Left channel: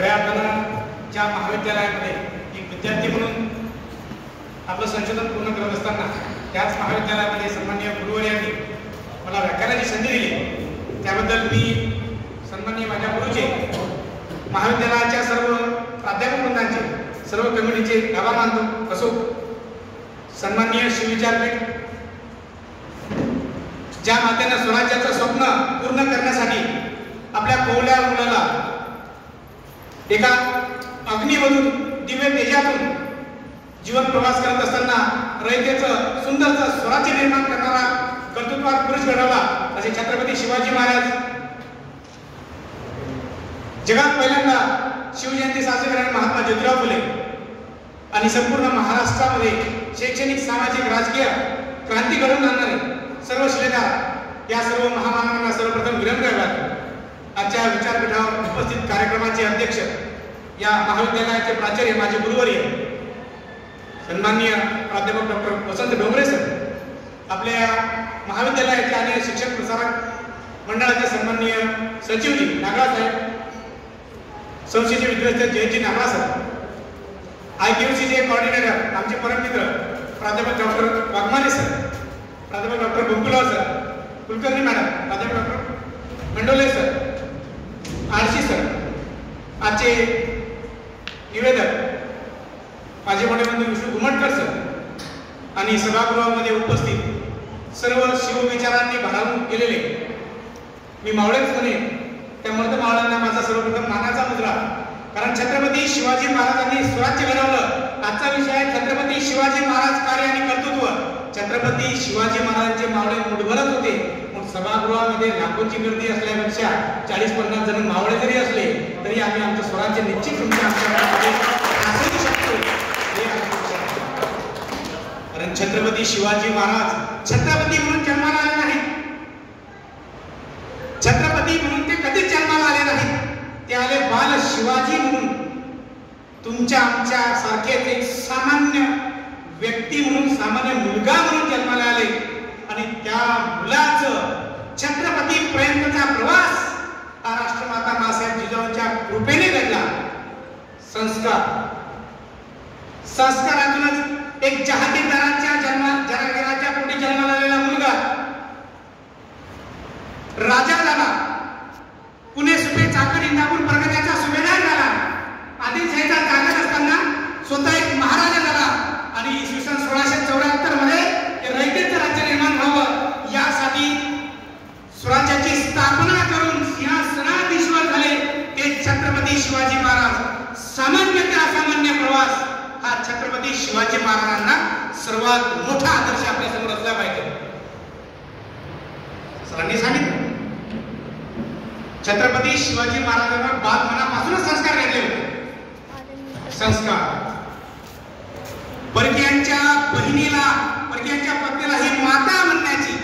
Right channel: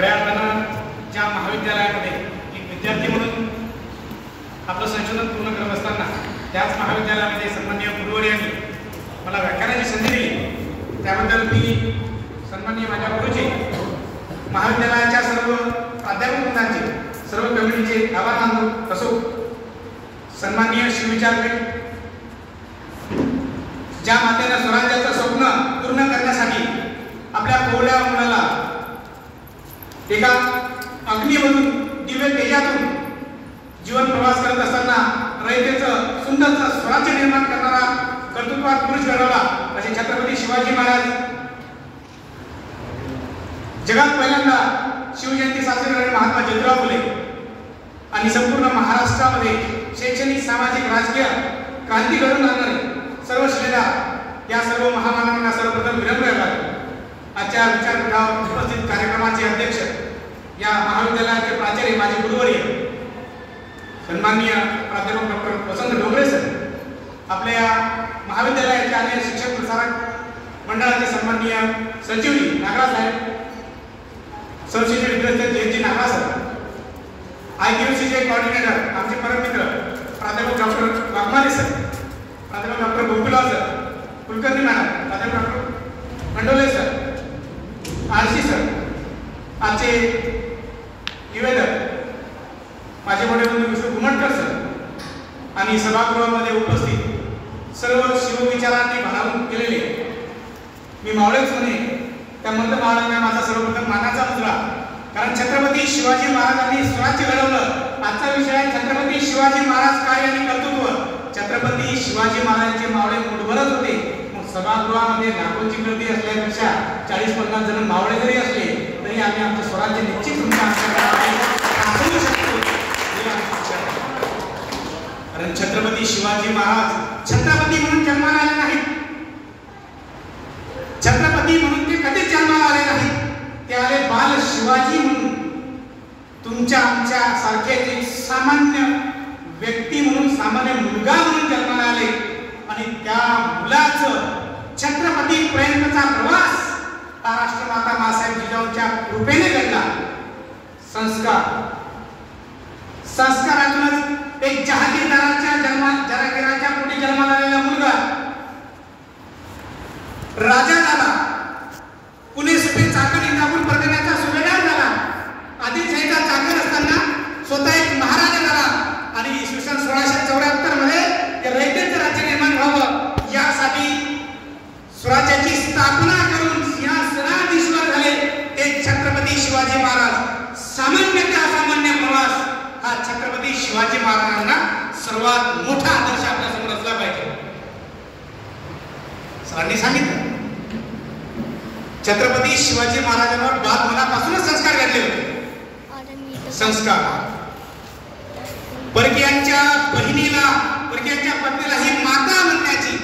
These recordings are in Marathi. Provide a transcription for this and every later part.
खऱ्या अर्थानं ज्या महाविद्यालयामध्ये एक विद्यार्थी म्हणून आपलं संशोधन पूर्ण करत असताना त्याच महाविद्यालयामध्ये सन्माननीय गुरुवर्यांनी मला व्याख्यानाची संधी दिली, त्याबद्दल मी सन्माननीय माझ्या गुरुचे, महाविद्यालयाच्या सर्व प्राध्यापक वृंदांचे, सर्व कमिटीचे आभार मानतो. असो सन्माननीय शिवविचारपीठ ज्या मातेनं स्वराज्याचं स्वप्न पूर्ण करण्यासाठी आपल्या कोवळ्या मुलाला एका अग्नीमधून दिव्य तेजातून जीवन प्रवास करत असताना रयतेचं सुंदरचं स्वराज्य निर्माण करणारा कर्तृत्वात पुरुष घडवला असे छत्रपती शिवाजी महाराज जगात पहिल्यांदा शिवजयंती साजरी करणारे महात्मा ज्योतिराव फुले आणि संपूर्ण महाराष्ट्रामध्ये शैक्षणिक, सामाजिक, राजकीय क्रांती घडवून आणणारे सर्व शिलेदार या सर्व महामानवांना सर्वप्रथम विनम्र करतो. आजच्या विचारपीठावर उपस्थित कार्यक्रमाचे अध्यक्ष, या महाविद्यालयाचे प्राचार्य, माझे गुरुवर्य सन्माननीय प्राध्यापक डॉक्टर वसंत डोंगरे सर, आपल्या या महाविद्यालयाचे आणि शिक्षक प्रसारक मंडळाचे सन्माननीय सचिवजी नागराज साहेब, सबसिडी विद्यार्थी जयजी नागराज सर, IQCचे कोऑर्डिनेटर आमचे परममित्र प्राध्यापक डॉक्टर वाघमारे सर, प्राध्यापक डॉक्टर गोकुलराव सर, कुलकर्णी मॅडम, प्राध्यापक डॉक्टर मंडोले सर, आरशी सर, आजचे निवेदक माझे मोठे बंधू विष्णू घुमटकर सर आणि सभागृहामध्ये उपस्थित सर्व शिवविचारांनी भारावून केलेले मी मावळे सोने, त्यामुळे महाराजांना माझा सर्वप्रथम मानाचा मुद्रा, कारण छत्रपती शिवाजी महाराजांनी स्वराज्य घडवलं. आजचा विषय आहे छत्रपती शिवाजी महाराज काय आणि कर्तृत्व. छत्रपती शिवाजी महाराजांचे मावळे मुठभरच होते. मग सभागृहामध्ये लाखोंची गर्दी असल्यापेक्षा 40-50 जण मावळे जरी असले तरी आम्ही आमचं स्वराज्य निश्चित तुमच्या आमच्याकडे शकतो. कारण छत्रपती शिवाजी महाराज छत्रपती म्हणून जन्माला आले नाहीत, छत्रपती म्हणून ते कधीच जन्माला आले नाहीत, ते आले बाल शिवाजी म्हणून. तुमच्या आमच्या सारखे एक सामान्य व्यक्ती म्हणून, सामान्य मुलगा म्हणून जन्माला आले आणि त्या मुलाचं छत्रपती पर्यंतचा प्रवास हा राष्ट्रमाता मासाहेब जिजाऊंच्या कृपेने घडला. संस्कारातूनच एक जहागीरदाराच्या जहागीराच्या पोटी जन्माला आलेला मुलगा राजा झाला, पुणे सुपे चाकण इंदापूर परगण्याचा सुभेदार झाला, आदिलशाहीचा चाकण असताना स्वतः एक महाराजा झाला आणि इसवी सन 1674 मध्ये रयतेचं राज्य निर्माण व्हावं यासाठी स्वराज्याची स्थापना करून सिंहासनाधीश्वर झाले ते छत्रपती शिवाजी महाराज. सामान्य ते असामान्य प्रवास हा छत्रपती शिवाजी महाराजांना सर्वात मोठा आदर्श आपल्या समोर असला पाहिजे. सरांनी सांगितलं छत्रपती शिवाजी महाराजांवर बालपणापासूनच संस्कार घडले होते. संस्कार परकीयांच्या बहिणीला, परकीयांच्या पत्नीला ही माता म्हणण्याची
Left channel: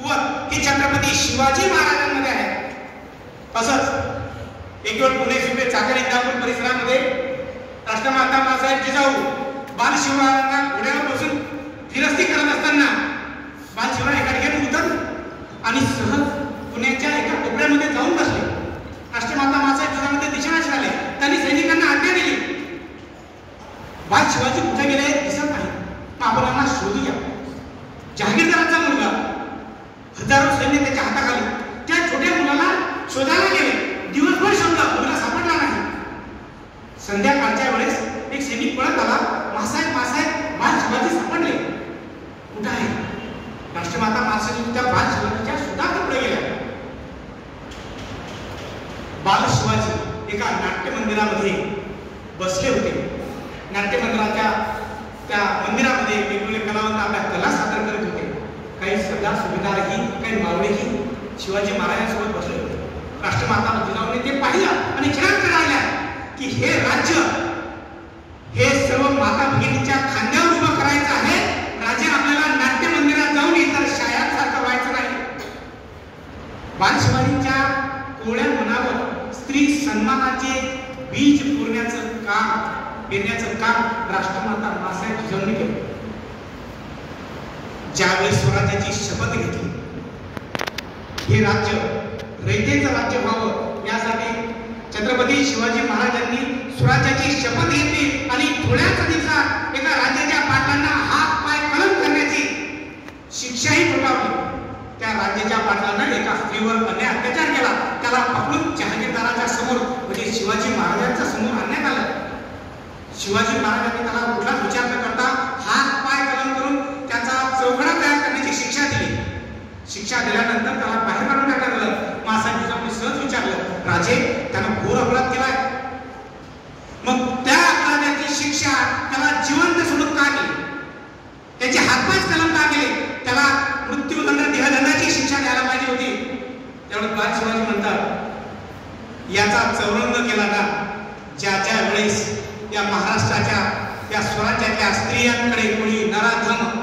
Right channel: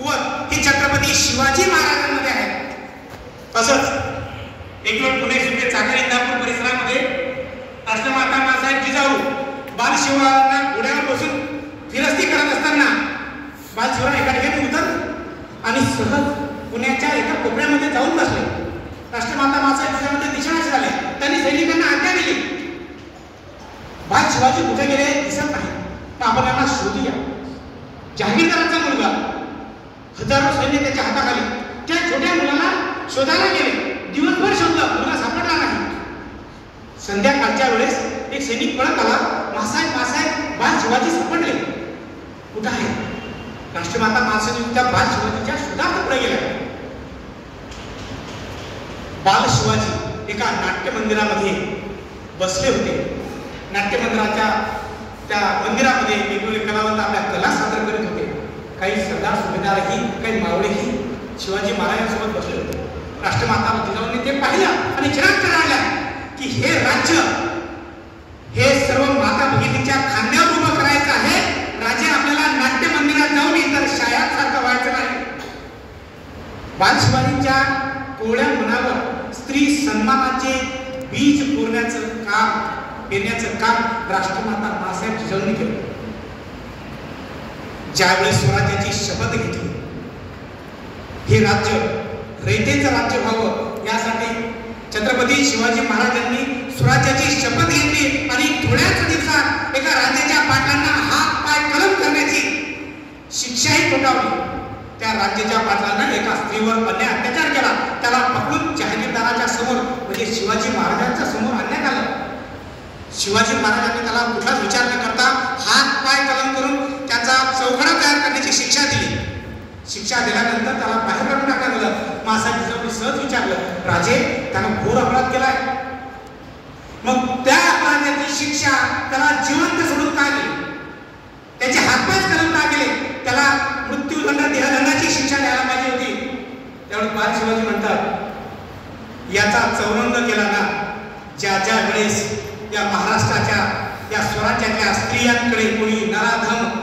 कुवत ही छत्रपती शिवाजी महाराजांमध्ये आहे. तसंच एक वेळ पुणे सुपे चाकण इंदापूर परिसरामध्ये राष्ट्रमाता मासाहेब जिजाऊ बालशिवांना घोड्यावर बसून फिरस्ती करत असताना बालशिवा एका ठिकाणी उतरले आणि सहज पुण्याच्या एका कोपऱ्यामध्ये जाऊन बसले. राष्ट्रमाता मासाहेब जिजाऊ ते दिशानाश झाले. त्यांनी सैनिकांना आज्ञा दिली, बाल शिवाजी कुठे गेले दिसत नाही, मग आपण यांना शोधूया. जहागीरदाराचा मुलगा, हजारो सैन्य त्याच्या हाताखाली, त्या छोट्या मुलाला शोधायला गेले. दिवसभर शोधलं, मुलगा सापडला नाही. संध्याकाळच्या वेळेस एक सैनिक पळत आला, मासाहेब बाल शिवाजी सापडले. कुठे आहे? राष्ट्रमाता मासाहेब त्या बाल शिवाजीच्या शोधात पुढे गेला. बाल शिवाजी एका नाट्य मंदिरामध्ये बसले होते. नाट्य मंदिराच्या त्या मंदिरामध्ये वेगवेगळे कलावंत आपल्या कला सादर करत होते. काही सरदार सुभेदारही, काही मावळेही शिवाजी महाराजांसोबत बसले होते. राष्ट्रमाता जिजाऊंनी ते पाहिलं आणि चिराग करायला की हे राज्य हे सर्व माता भगिनीच्या खांद्यावर उभं करायचं आहे. राजे आपल्याला नाट्य मंदिरात जाऊन इतर शाळांसारखं व्हायचं नाही. बाल शिवाजींच्या कोवळ्या मनावर स्त्री सन्मानाचे बीज पेरण्याचं काम राष्ट्रमाता मासाहेब जिजाऊंनी केलं. ज्यावेळेस स्वराज्याची शपथ घेतली, हे राज्य रयतेचं राज्य व्हावं यासाठी छत्रपती शिवाजी महाराजांनी स्वराज्याची शपथ घेतली आणि थोड्याच दिवसात एका राजाच्या पाटलांना हात पाय कलम करण्याची शिक्षाही ठोठावली. त्या राज्याच्या पाटलांना एका स्त्रीवर अन्याय अत्याचार केला. त्याला पकडून जहागीरदाराच्या समोर म्हणजे शिवाजी महाराजांच्या समोर आणण्यात आलं. शिवाजी महाराजांनी त्याला कुठलाच विचार न करता हात पाय कलम करून त्याचा चौघडा तयार करण्याची शिक्षा दिली. शिक्षा दिल्यानंतर त्याला बाहेर काढून टाकण्यात आलं. मासा जिजाऊंनी सहज विचारलं, राजे त्यानं घोर अपराध केलाय, मग त्या अपराधाची शिक्षा त्याला जिवंत सोडून का दिली? त्याचे हातपायच कलम का केले? त्याला मृत्यूदंड देहदंडाची शिक्षा द्यायला पाहिजे होती. त्यावेळी बाल शिवाजी म्हणतात, याचा चौरंग केला ना ज्या ज्या वेळेस या महाराष्ट्राच्या या स्वराज्याच्या स्त्रियांकडे कोणी नराधम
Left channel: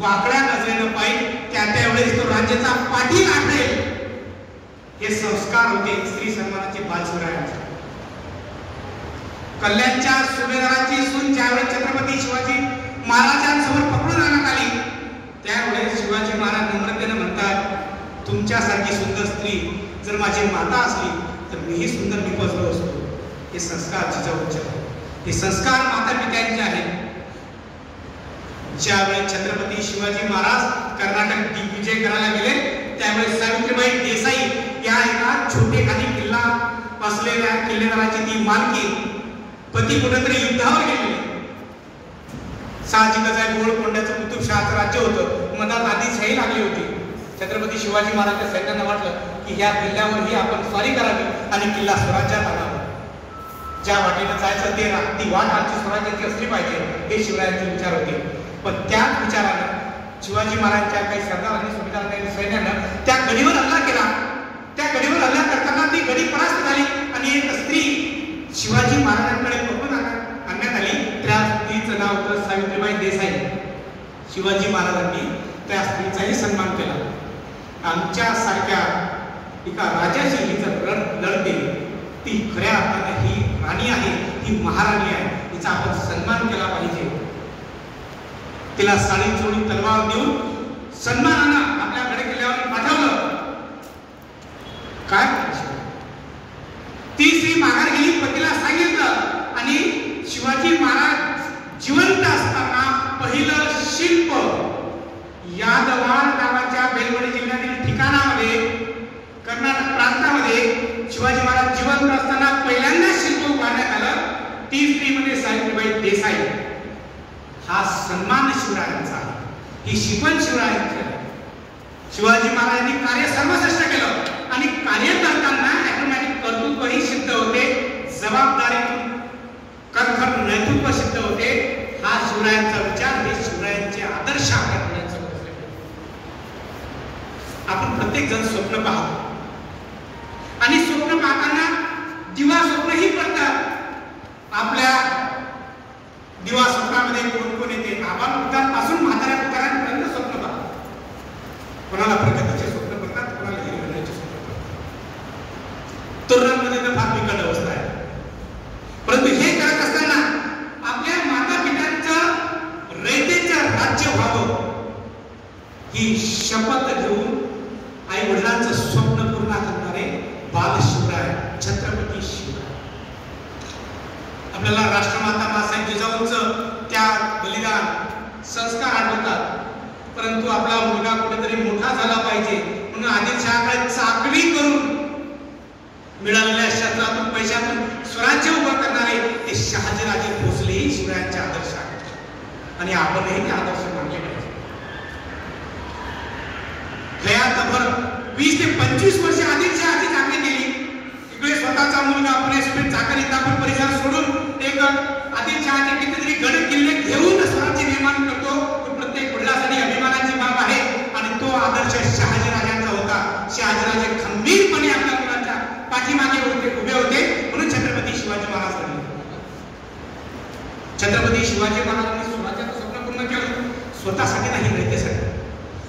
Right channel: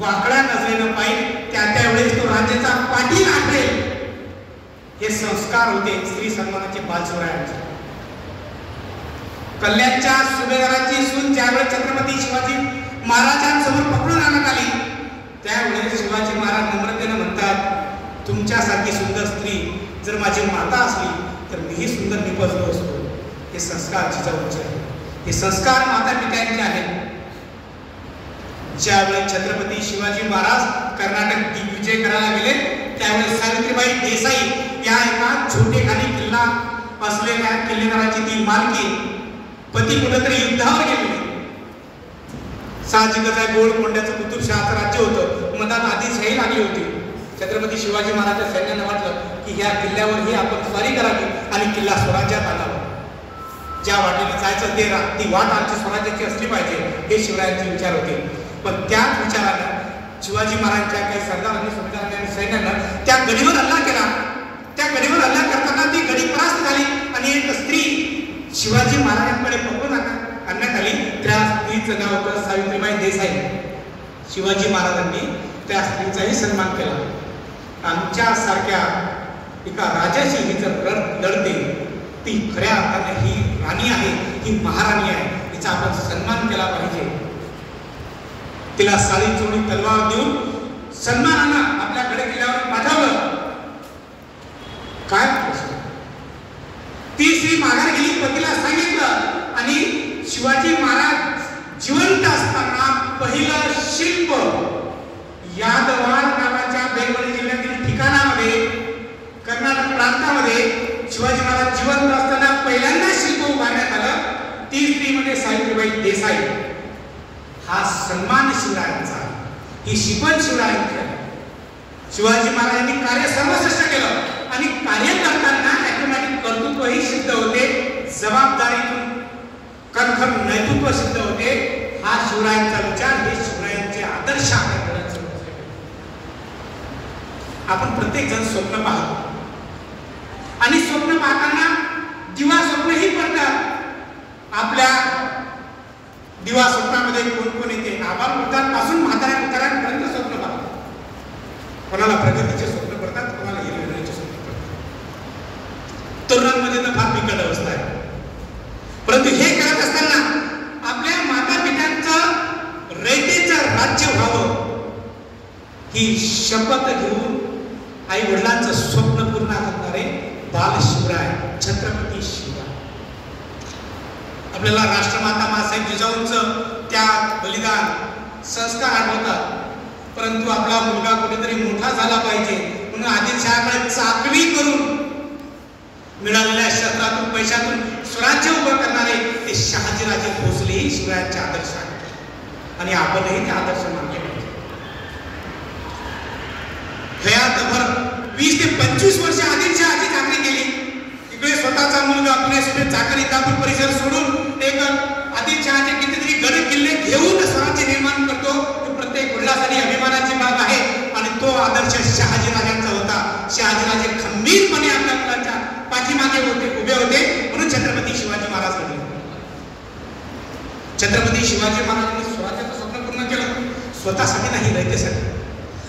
वाकड्या नजरेनं पाहिजे त्या त्यावेळेस तो राज्याचा पाठी आठवेल. हे संस्कार होते स्त्री सन्मानाचे बालशिवरायांचे. कल्याणच्या सुभेदाराची सून ज्यावेळेस छत्रपती शिवाजी महाराजांसमोर पकडून आणण्यात आली त्यावेळेस शिवाजी महाराज नम्रतेने म्हणतात, तुमच्यासारखी सुंदर स्त्री जर माझी माता असली तर मीही सुंदर निपजलो असतो. हे संस्कार जिजाऊचे आहेत. हे संस्कार माता पित्यांचे आहेत. ज्यावेळेस छत्रपती शिवाजी महाराज कर्नाटक दिग्विजय करायला गेले त्यावेळेस सावित्रीबाई देसाई या एका छोटेखानी किल्ला असलेल्या किल्लेदाराची ती मालकी पती कुठेतरी युद्धावर गेलेली. साहजिकच आहे, गोलकोंड्याचं कुतुबशहाचं राज्य होतं. मधात आधीच हे लागली होती. छत्रपती शिवाजी महाराजांच्या सैन्यानं वाटलं की या किल्ल्यावरही आपण स्वारी करावी आणि किल्ला स्वराज्यात आला. ज्या वाटेनं जायचं ती वाट आमची स्वराज्याची असली पाहिजे हे शिवरायांचे विचार होते. पण त्याच विचारानं शिवाजी महाराजांच्या काही सरदारांनी सुभेदारांनी आणि सैन्यानं त्या गडीवर हल्ला केला. त्या गडीवर हल्ला करताना ती गडी परास्त झाली आणि एक स्त्री शिवाजी महाराजांकडे पकडून आणण्यात आली. त्या स्त्रीचं नाव होतं सावित्रीबाई देसाई. शिवाजी महाराजांनी त्या स्त्रीचाही सन्मान केला. आमच्या सारख्या एका राजाची ही जर लढते ती खऱ्या अर्थाने ही राणी आहे, ही महाराणी आहे, तिचा आपण सन्मान केला पाहिजे. तिला साडी चोळी तलवार देऊन सन्मानानं आपल्याकडे किल्ल्यावर पाठवलं. काय ती स्त्री माघार गेली, पतीला सांगितलं आणि शिवाजी महाराज जिवंत असताना पहिलं शिल्प यादवार नावाच्या बेलवडी जिल्ह्यातील ठिकाणामध्ये कर्नाटक प्रांतामध्ये शिवाजी महाराज जिवंत असताना पहिल्यांदा शिल्प उभारण्यात आलं. ती स्त्री म्हणजे सावित्रीबाई देसाई. हा सन्मान शिवरायांचा आहे, ही शिकवण शिवरायांची आहे. शिवाजी महाराजांनी कार्य सर्वश्रेष्ठ केलं आणि कार्य करताना ऑटोमॅटिक कर्तृत्वही सिद्ध होते, जबाबदारीतून खरखर नेतृत्व सिद्ध होते. हा शिवरायांचा विचार, हे शिवरायांचे आदर्श आपल्या आपण प्रत्येक जण स्वप्न पाहतो आणि स्वप्न पाहताना दिवा स्वप्नही पडतात. आपल्या दिवा स्वप्नामध्ये कोण कोण येते? आबालवृद्धांपासून म्हाताऱ्या म्हाताऱ्यांपर्यंत स्वप्न पाहतात. कोणाला प्रगतीचे स्वप्न पडतात, कोणाला हिरवण्याचे स्वप्न पडतात. तरुणांमध्ये तर फार बिकट अवस्था आहे. परंतु हे करत असताना आपल्या माता पित्यांचं रयतेचं राज्य व्हावं ही शपथ घेऊन आई वडिलांचं स्वप्न पूर्ण करणारे बाल शिवराय छत्रपती शिवराय. आपल्याला राष्ट्रमाता मासाहेब जिजाऊंचं त्या बलिदान संस्कार आठवतात. परंतु आपला मुलगा कुठेतरी मोठा झाला पाहिजे म्हणून आदिलशहाकडे चाकरी करून मिळालेल्या क्षेत्रातून पैशातून स्वराज्य उभं करणारे ते शहाजीराजे भोसलेही शिवरायांचे आदर्श आहेत आणि आपणही ते आदर्श मानले पाहिजे. हयातभर 20 ते 25 वर्ष आदिलशहाची चाकरी केली. इकडे स्वतःचा मुलगा पुणे चाकरी इंदापूर परिसर सोडून एक आदिलशहाचे कितीतरी गड किल्ले घेऊन स्वराज्य निर्माण करतो. प्रत्येक वडिलांसाठी अभिमानाची बाब आहे आणि तो आदर्श शहाजीराजांचा होता. शहाजीराजे खंबीरपणे आपल्या मुलांच्या पाठीमागे उभे होते म्हणून छत्रपती शिवाजी महाराज घडले. छत्रपती शिवाजी महाराजांनी स्वराज्याचं स्वप्न पूर्ण केलं. स्वतःसाठी नाही, रयतेसाठी.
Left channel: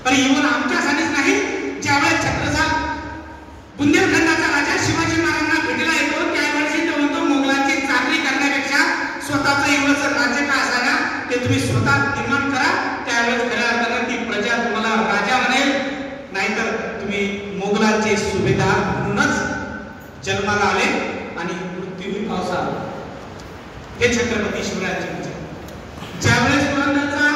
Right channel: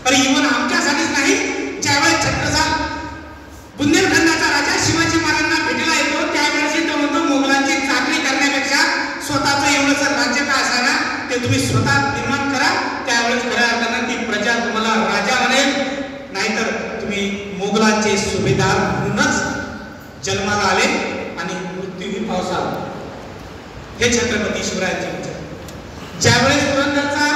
आणि इव्हन आमच्यासाठीच नाही. ज्यावेळेस छत्रसाल बुंदेलखंडाचा राजा शिवाजी महाराजांना भेटायला येतो त्यावेळेस तो म्हणतो मोगलांची चाकरी करण्यापेक्षा स्वतःचं एवढंच राज्य का असायला ते तुम्ही स्वतः निर्माण करा. त्यावेळेस खऱ्या अर्थानं ती प्रजा तुम्हाला राजा म्हणेल, नाहीतर तुम्ही मोगलांचे सुभेदार म्हणूनच जन्माला आले आणि हे छत्रपती शिवरायांचे विचार. ज्यावेळेस पुरंदरचा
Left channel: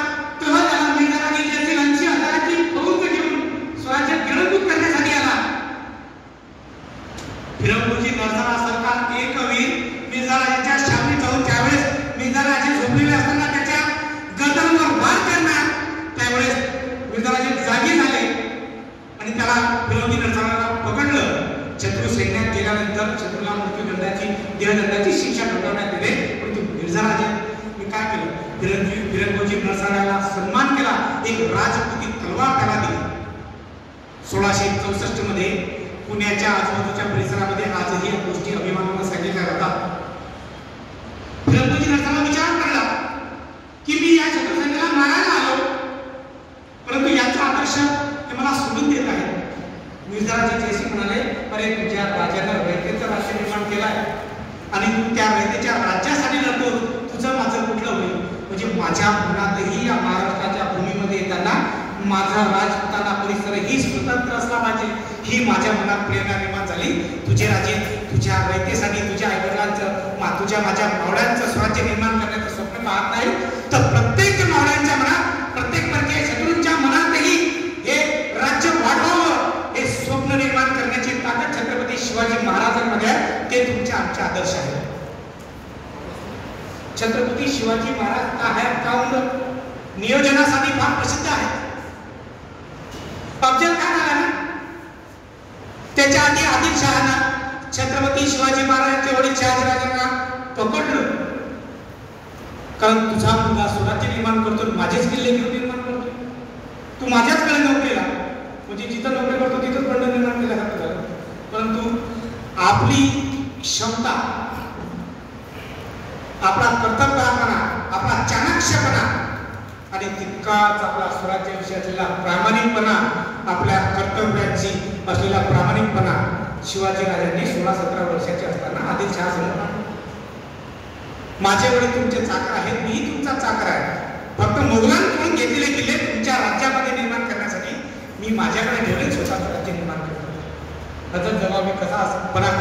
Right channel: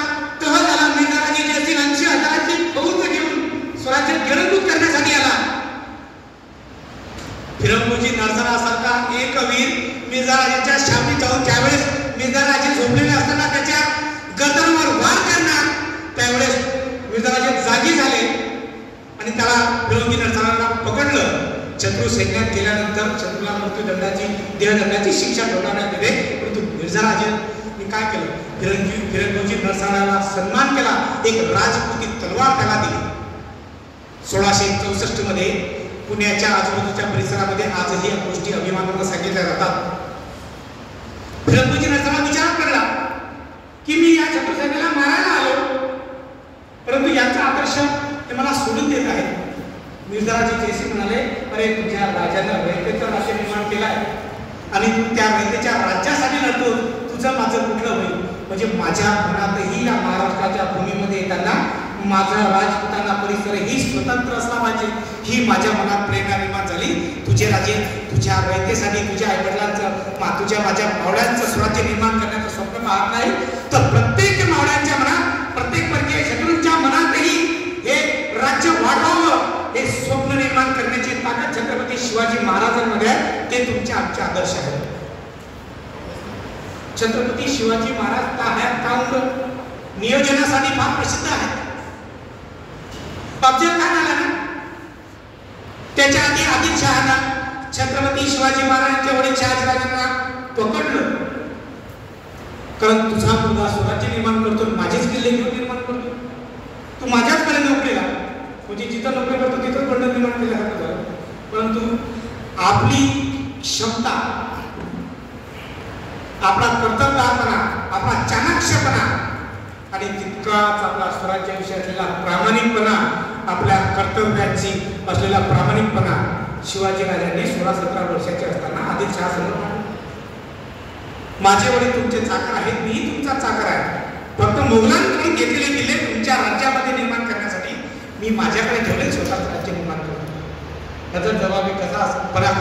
तह झाला, मिर्झाराजे जे असतील 80,000ची फौज घेऊन स्वराज्य गिरंबूत करण्यासाठी आला. फिरंगोजी नरसरासारखा एक वीर मिर्झाराजेंच्या शावणीत जाऊन ज्यावेळेस मिर्झाराजे झोपलेले असताना त्याच्या गदरवर वार करणार, त्यावेळेस मिर्झाराजे जागी झाले आणि त्याला फिरंगोजी नरसराला पकडलं. शत्रू सैन्यात गेल्यानंतर शत्रूला मृत्यूदंडाची देहदंडाची शिक्षा ठोठावण्यात आली. परंतु मिर्झाराजेंनी काय केलं? फिरंगोजी नरसराला सन्मान केला, एक राजपुती तलवार त्याला दिली. 1664 मध्ये पुण्याच्या आजूबाजूच्या परिसरामध्ये आजही या गोष्टी अभिमानाने सांगितल्या जातात. फिरंगोजी नरसराला विचार पडला की मी या शत्रू सैन्याला मारायला आलो, परंतु याचा आदर्श ते मला सोडून देत आहेत. मिर्झाराजे जयसिंग म्हणाले, अरे तुझ्या राजानं रयतेचं राज्य निर्माण केलाय आणि तू त्या रयतेच्या राज्यासाठी लढतो, तुझं माझं कुठलं होईल? म्हणजे माझ्या मनातही या महाराष्ट्राच्या भूमीमध्ये येताना माझा राजपुताना परिसर ही स्वतंत्र असला पाहिजे, ही माझ्या मनात प्रेरणा निर्माण झाली. तुझे राजे तुझ्या रयतेसाठी, तुझ्या आईवडिलांचं, तुझ्या माझ्या मावळ्यांचं स्वराज्य निर्माण करण्याचं स्वप्न पाहत नाही, तर प्रत्येक मावळ्यांच्या मनात, प्रत्येक परकीय शत्रूंच्या मनातही हे राज्य वाढवावं, हे स्वप्न निर्माण करण्याची ताकद छत्रपती शिवाजी महाराजांमध्ये आहे. ते तुमचे आमचे आदर्श आहेत. छत्रपती शिवाजी महाराज नियोजनासाठी फार प्रसिद्ध आहेत. अफजल खान आला ना, त्याच्या आधी आदिलशहानं छत्रपती शिवाजी महाराजांच्या वडील शहाजीराजांना पकडलं, कारण तुझा मुलगा स्वराज्य निर्माण करतो, माझेच किल्ले घेऊन निर्माण करतो, तू माझ्याचकडे नोकरीला, म्हणजे जिथं नोकरी करतो तिथंच बंड निर्माण केला जातो. परंतु आपली क्षमता, आपला कर्तव्यपणा, आपला चाणक्यपणा आणि तितकाच आपला स्वराज्याविषयी असलेला प्रामाणिकपणा, आपल्या कर्तव्याची असलेला प्रामाणिकपणा शिवाजी राजांनी 16-17 वर्षाचे असताना आदिलशहा समोर माझे वडील तुमचे चाकर आहेत, मीही तुमचा चाकर आहे, फक्त मोगलांकडून घेतलेले किल्ले तुमच्या राज्यामध्ये निर्माण करण्यासाठी मी माझ्याकडे ठेवले, स्वतःच राज्य निर्माण करतो. नजर जबाबदारी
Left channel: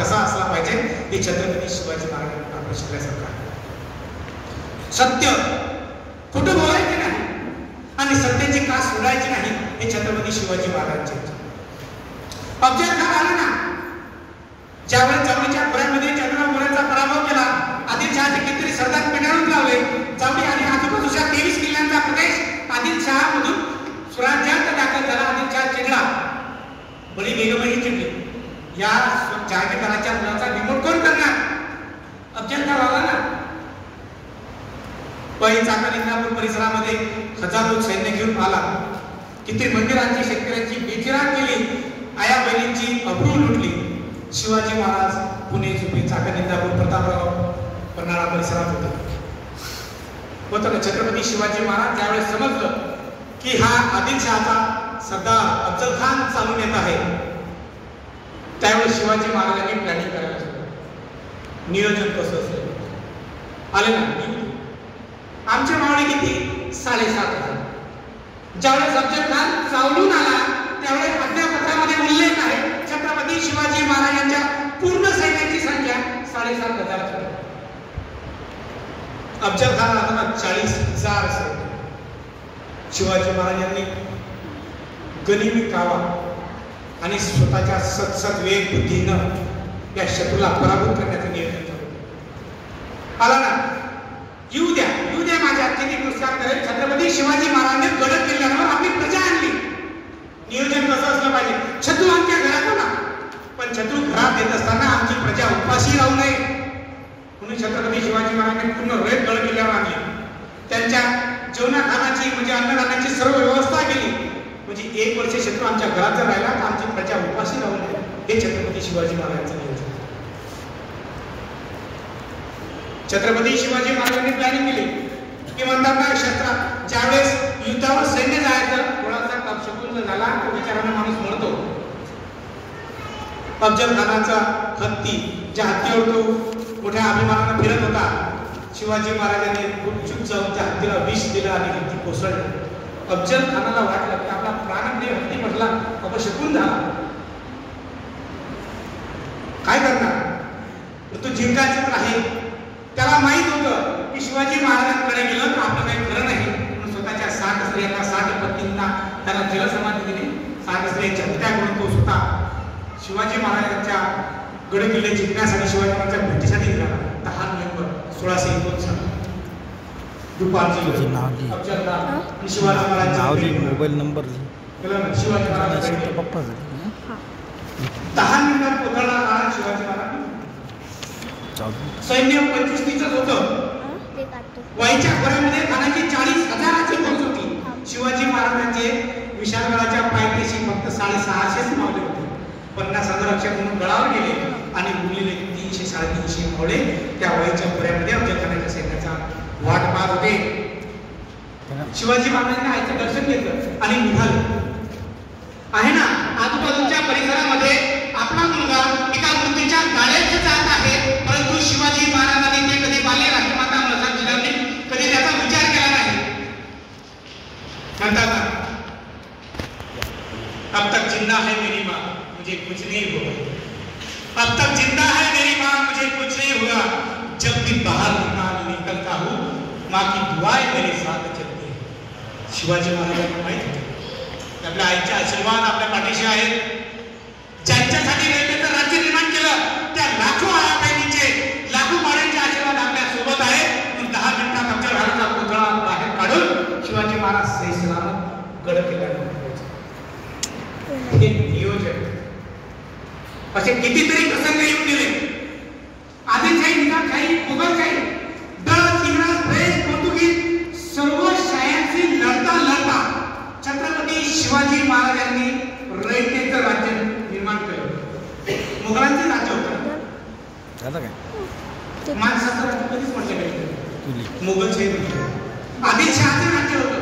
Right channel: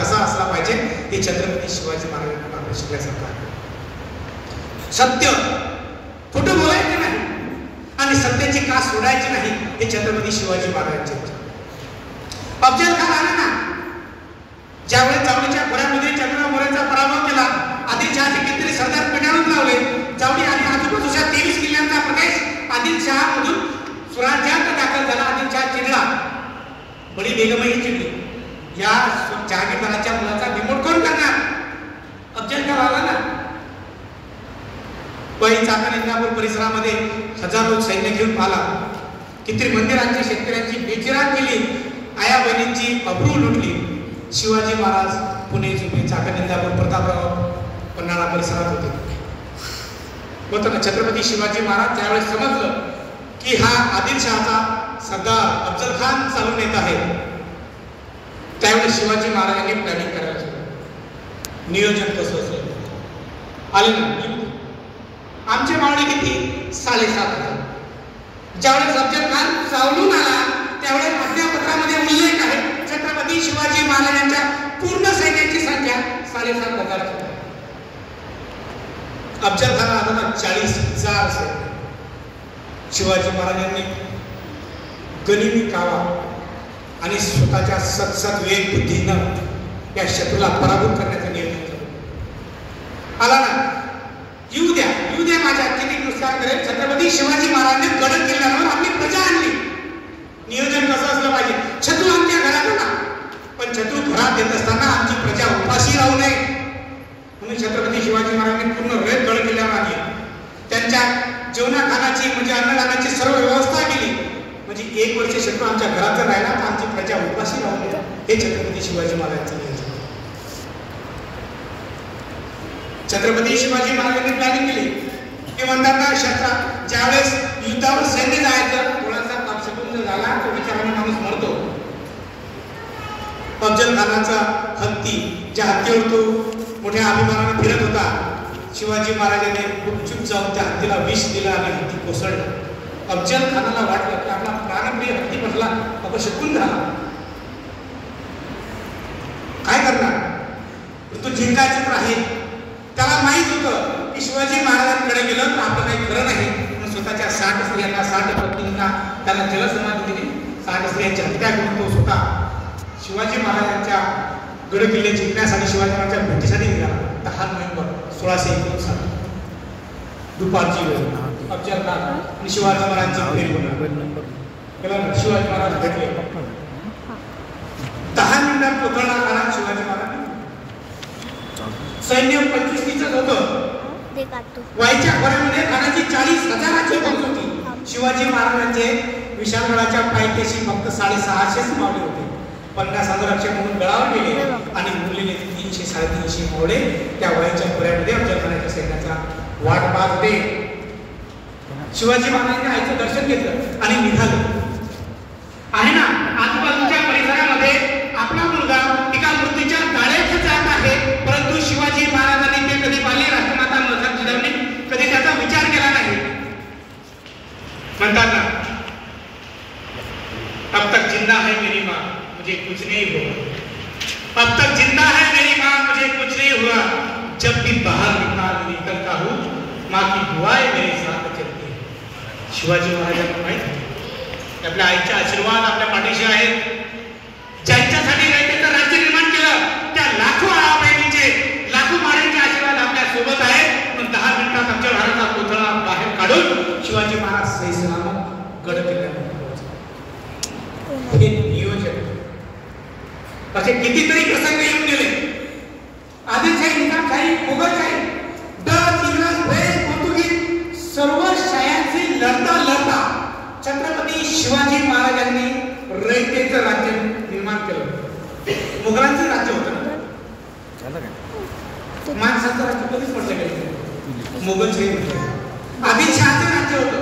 कसा असला पाहिजे हे छत्रपती शिवाजी महाराजांना आपण शिकल्यासारखं आहे. सत्य खोटं बोलायचं नाही आणि सत्याची का सोडायची नाही, हे छत्रपती शिवाजी महाराजांचे. अफजल खान आला ना, ज्यावेळेस जावळीच्या खोऱ्यामध्ये चंद्रगाव मोऱ्याचा पराभव केला, आदिलशहाचे कितीतरी सरदार पिटाळून लावले. जावळी आणि आजूबाजूच्या 23 किल्ल्यांचा प्रदेश आदिलशहामधून स्वराज्यात दाखल झाला. आदिलशहा चिडला, बडी बेगमही चिडली. या जहागीरदाराच्या मुलाचा रिमोट कोण करणार? अफजल खान आला ना, चाकण इंदापूर परिसरामध्ये हजारो सैन्य घेऊन आला. किती मंदिरांची, शेतकऱ्यांची बेचिराग केली, आया बहिणींची अब्रू लुटली. शिवाजी महाराज पुणे, जुबली, चाकण इंदापूर, प्रतापराव, पन्हाळा परिसरात होते. होतं ना. छत्रपती शिवाजी महाराज त्यावेळेस समजलं की हा आदिलशहाचा सरदार अफजल खान चालून येत आहे, त्यावेळेस शिवाजी महाराजांनी प्लॅनिंग करायला सुरू. नियोजन कसं असेल आले ना. आमचे मावळे किती? 7,500. ज्यावेळेस अफजल खान चावलून आला त्यावेळेस आज्ञापत्रामध्ये उल्लेख आहे, छत्रपती शिवाजी महाराजांच्या पूर्ण सैन्याची संख्या 7,500 होती. अफजल खान आला 40,000 सैन्य. शिवाजी महाराजांनी गनिमी कावा आणि स्वतःच्या सतसत वेग बुद्धीनं या शत्रूला पराभूत करण्याचं नियोजन केलं. आला ना, येऊ द्या माझ्या किती नुकसान करेल. छत्रपती शिवाजी महाराजांनी गड किल्ल्यावर आपली प्रजा आणली. नियोजन कसं असलं पाहिजे? शत्रू आमच्या घरात होता, पण शत्रू घरात येत असताना आमची प्रजा उपाशी राहू नये म्हणून छत्रपती शिवाजी महाराजांनी पूर्ण वेळ गड किल्ल्यावर आणली. त्यांच्या जेवणा खाण्याची म्हणजे अन्नदानाची सर्व व्यवस्था केली, म्हणजे 1 वर्ष शत्रू आमच्या घरात राहिला तर आमची प्रजा उपाशी राहू नये, हे छत्रपती शिवाजी महाराजांचं नियोजन. छत्रपती शिवाजी महाराजांनी प्लॅनिंग केली की म्हणतात ना, शस्त्रात ज्यावेळेस युद्धावर सैन्य जायचं थोडासा अपशकुन झाला तर विचाराने माणूस मरतो. अफजल खानाचा हत्ती, ज्या हत्तीवर तो मोठ्या अभिमानाने फिरत होता, शिवाजी महाराजांनी गुपचूप जाऊन त्या हत्तीला विष दिलं आणि हत्ती कोसळला. अफजल खानाला वाटलं की आपला प्राणप्रिय हत्ती म्हटला अपशकुन झाला, काय करणार? तो जिंकायचीच राहील. त्याला माहित होतं की शिवाजी महाराजांकडे गेलं तर आपलं काही खरं नाही, म्हणून स्वतःच्या 60 स्त्रियांना 60 पत्नींना त्याला जलसमाधी दिली. 60 स्त्रियांची हत्या करून तो स्वतः शिवाजी महाराजांच्या गड किल्ले जिंकण्यासाठी शिवाजी महाराजांच्या भेटीसाठी निघाला. 10 नोव्हेंबर 1659 दुपारची वेळ अफजल खान आणि शिवाजी महाराजांची मोबाईल नंबर शिवाजी महाराज भेटले. 10 मिनिटात पोहोचणार कारण शिवाजी महाराज सैन्य 25,000च होतं. वाईच्या घरामध्ये खानाची 40,000ची फौज होती. शिवाजी महाराजांचे विशाळगडाच्या पायथ्याशी फक्त 650 मावळे होते. 50,000 म्हणून गडावर गेले आणि उरलेले 300-350 मावळे त्या वाईच्या खोऱ्यामध्ये अफजल खानाच्या सैन्याचा वाट पाहत होते. शिवाजी महाराजांनी आईचं दर्शन घेतलं आणि निघाले. आहे ना, आजूबाजूच्या परिसरामध्ये आपला मुलगा एका मूर्तीच्या गाड्यात जात आहे, परंतु शिवाजी महाराजांनी ते कधी बाले राजमाता मसाजने कधी त्याचा विचार केला नाही. म्हणतात ना, अब तक जिंदा है मेरी माँ मुझे कुछ नहीं हुआ, अब तक जिंदा है मेरी माँ मुझे कुछ नहीं हुआ, जब भी बाहर निकलता हूँ माँ की दुआएं मेरे साथ चलती है. शिवाजी महाराजांना माहित आपल्या आईचा आशीर्वाद आपल्या पाठीशी आहे. ज्यांच्यासाठी रयतेचं राज्य निर्माण केलं त्या लाखो बहिणीचे लाखो माड्यांचे आशीर्वाद आपल्या सोबत आहेत. पण 10 मिनिटात आमच्या भारताचा पुतळा बाहेर काढून शिवाजी महाराज सैसलामत गड किल्ल्यावर पोहोचले. हे नियोजन असे कितीतरी प्रसंग येऊन गेले. आदिलशाही, निजामशाही, मोगलशाही, डच, इंग्रज, फ्रेंच, पोर्तुगीज सर्व शाह्यांशी लढता लढता छत्रपती शिवाजी महाराजांनी रयतेचं राज्य निर्माण केलं. मुघलांचे राज्य होतं ना, माणसाचं राज्य कधीच म्हटलं गेलं. मुघलशाही म्हटलं, आदिलशहाचं राज्य होतं,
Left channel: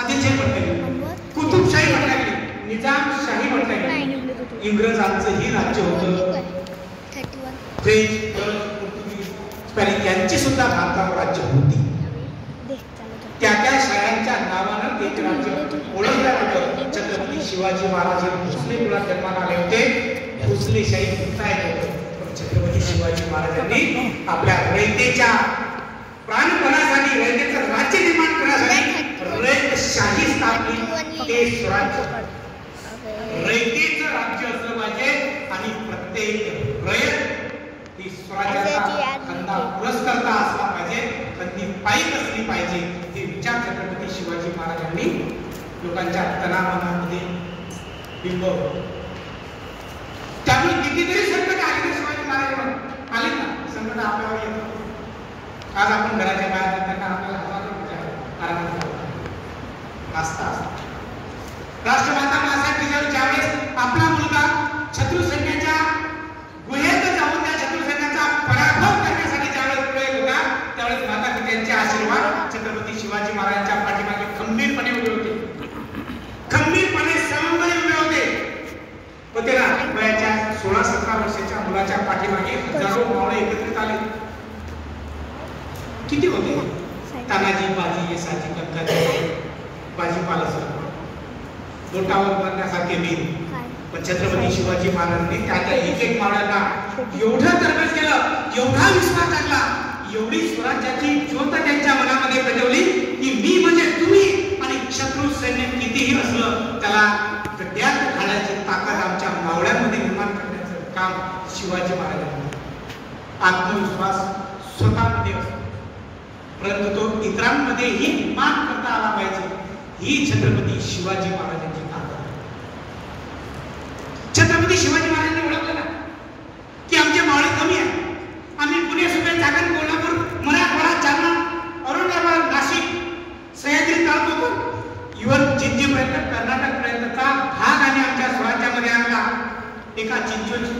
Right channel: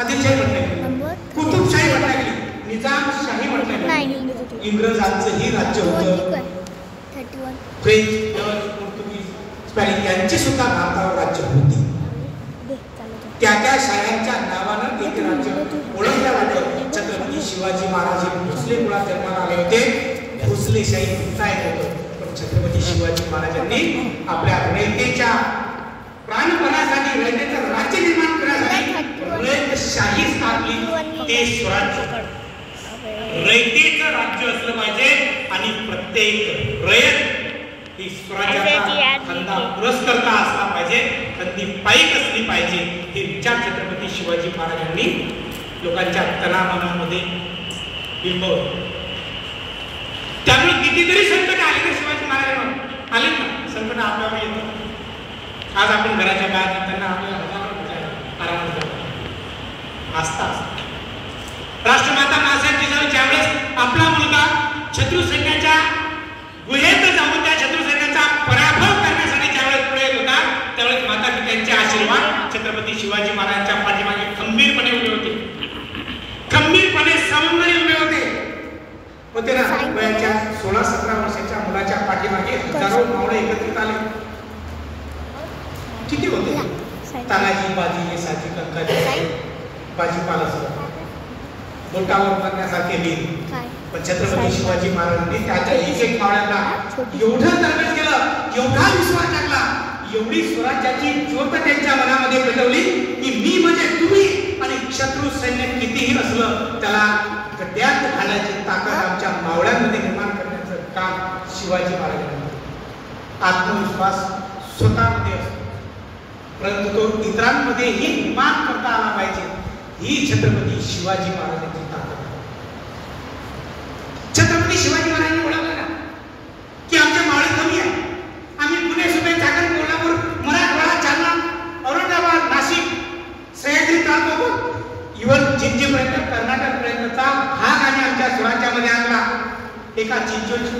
आदिलशाही म्हटलं गेलं, कुतुबशाही म्हटलं गेली, निजामशाही म्हटलं गेलं. इंग्रजांचंही राज्य होतं. फ्रेंच, डच, पोर्तुगीज, स्पॅनिश यांची सुद्धा भारतावर राज्य होती. त्या त्या शाळांच्या नावानं ते राज्य ओळखलं जातं. छत्रपती शिवाजी महाराज हे भोसले मुळात जन्माला आले होते. भोसलेशाही म्हणता येत होते, पण छत्रपती शिवाजी महाराजांनी आपल्या रयतेच्या प्राणपणासाठी, रयतेचं राज्य निर्माण करण्यासाठी रयतशाही स्थापली. ते स्वराज्य रयतेचं राज्य असलं पाहिजे आणि प्रत्येक रयत ही स्वराज्याचा धंदा पुरस्कर्ता असला पाहिजे, त्यांनी पाईक असली पाहिजे. हे विचार छत्रपती शिवाजी महाराजांनी लोकांच्या तनामनामध्ये बिंबवले. त्यामुळे कितीतरी संकट आले तर शिवाजी महाराजांना आले ना, संकट आपल्यावर येतो. आज आपण घराच्या बाहेर जाताना आपल्याला हजारो विचार आराम असतात. राष्ट्रमाता महासाहेब ज्यावेळेस आपला मुलगा शत्रू सैन्याच्या गुहेत जाऊन त्या शत्रू सैन्याचा पराभव करण्यासाठी ज्यावेळेस पुढे होता, त्यावेळेस माता पित्यांचे आशीर्वाद छत्रपती शिवाजी महाराजांच्या पाठीमागे खंबीरपणे उभे होते. खंबीरपणे सवंगरी उभे होते ना. वयाच्या 16-17 वर्षाच्या मुलाच्या पाठीमागे हजारो मावळे एकत्रित आले. किती होते? तानाजी, बाजी, येसाजी, कंकाजी, भाजीपाला सर्व बोटावर करण्यासारखे लिहिली. पण छत्रपती शिवाजी महाराजांनी त्याच्या एक मावळ्यांना एवढं तरबेज केलं, एवढा विश्वास टाकला, एवढी स्वराज्याची ज्योत त्यांच्या मनामध्ये पेटवली की मी म्हणजे तुम्ही, आणि शत्रू सैन्य कितीही असलं त्याला गड्ड्यात घालण्याची ताकद आमच्या मावळ्यांमध्ये निर्माण करण्याचं काम शिवाजी महाराजांनी. आत्मविश्वास स्वतःमध्ये असतो, परंतु तो इतरांमध्येही निर्माण करता आला पाहिजे. ही छत्रपती शिवाजी महाराजांची ताकद. छत्रपती शिवाजी महाराजांनी ओळखलं ना की आमचे मावळे कमी आहे. आम्ही पुणे, सुपे, चाकण, कोल्हापूर, मराठवाडा, जालना, औरंगाबाद, नाशिक, सह्याद्री तालुका, इव्हन जिंजीपर्यंत कर्नाटकपर्यंतचा भाग आम्ही आमच्या स्वराज्यामध्ये आणला. एका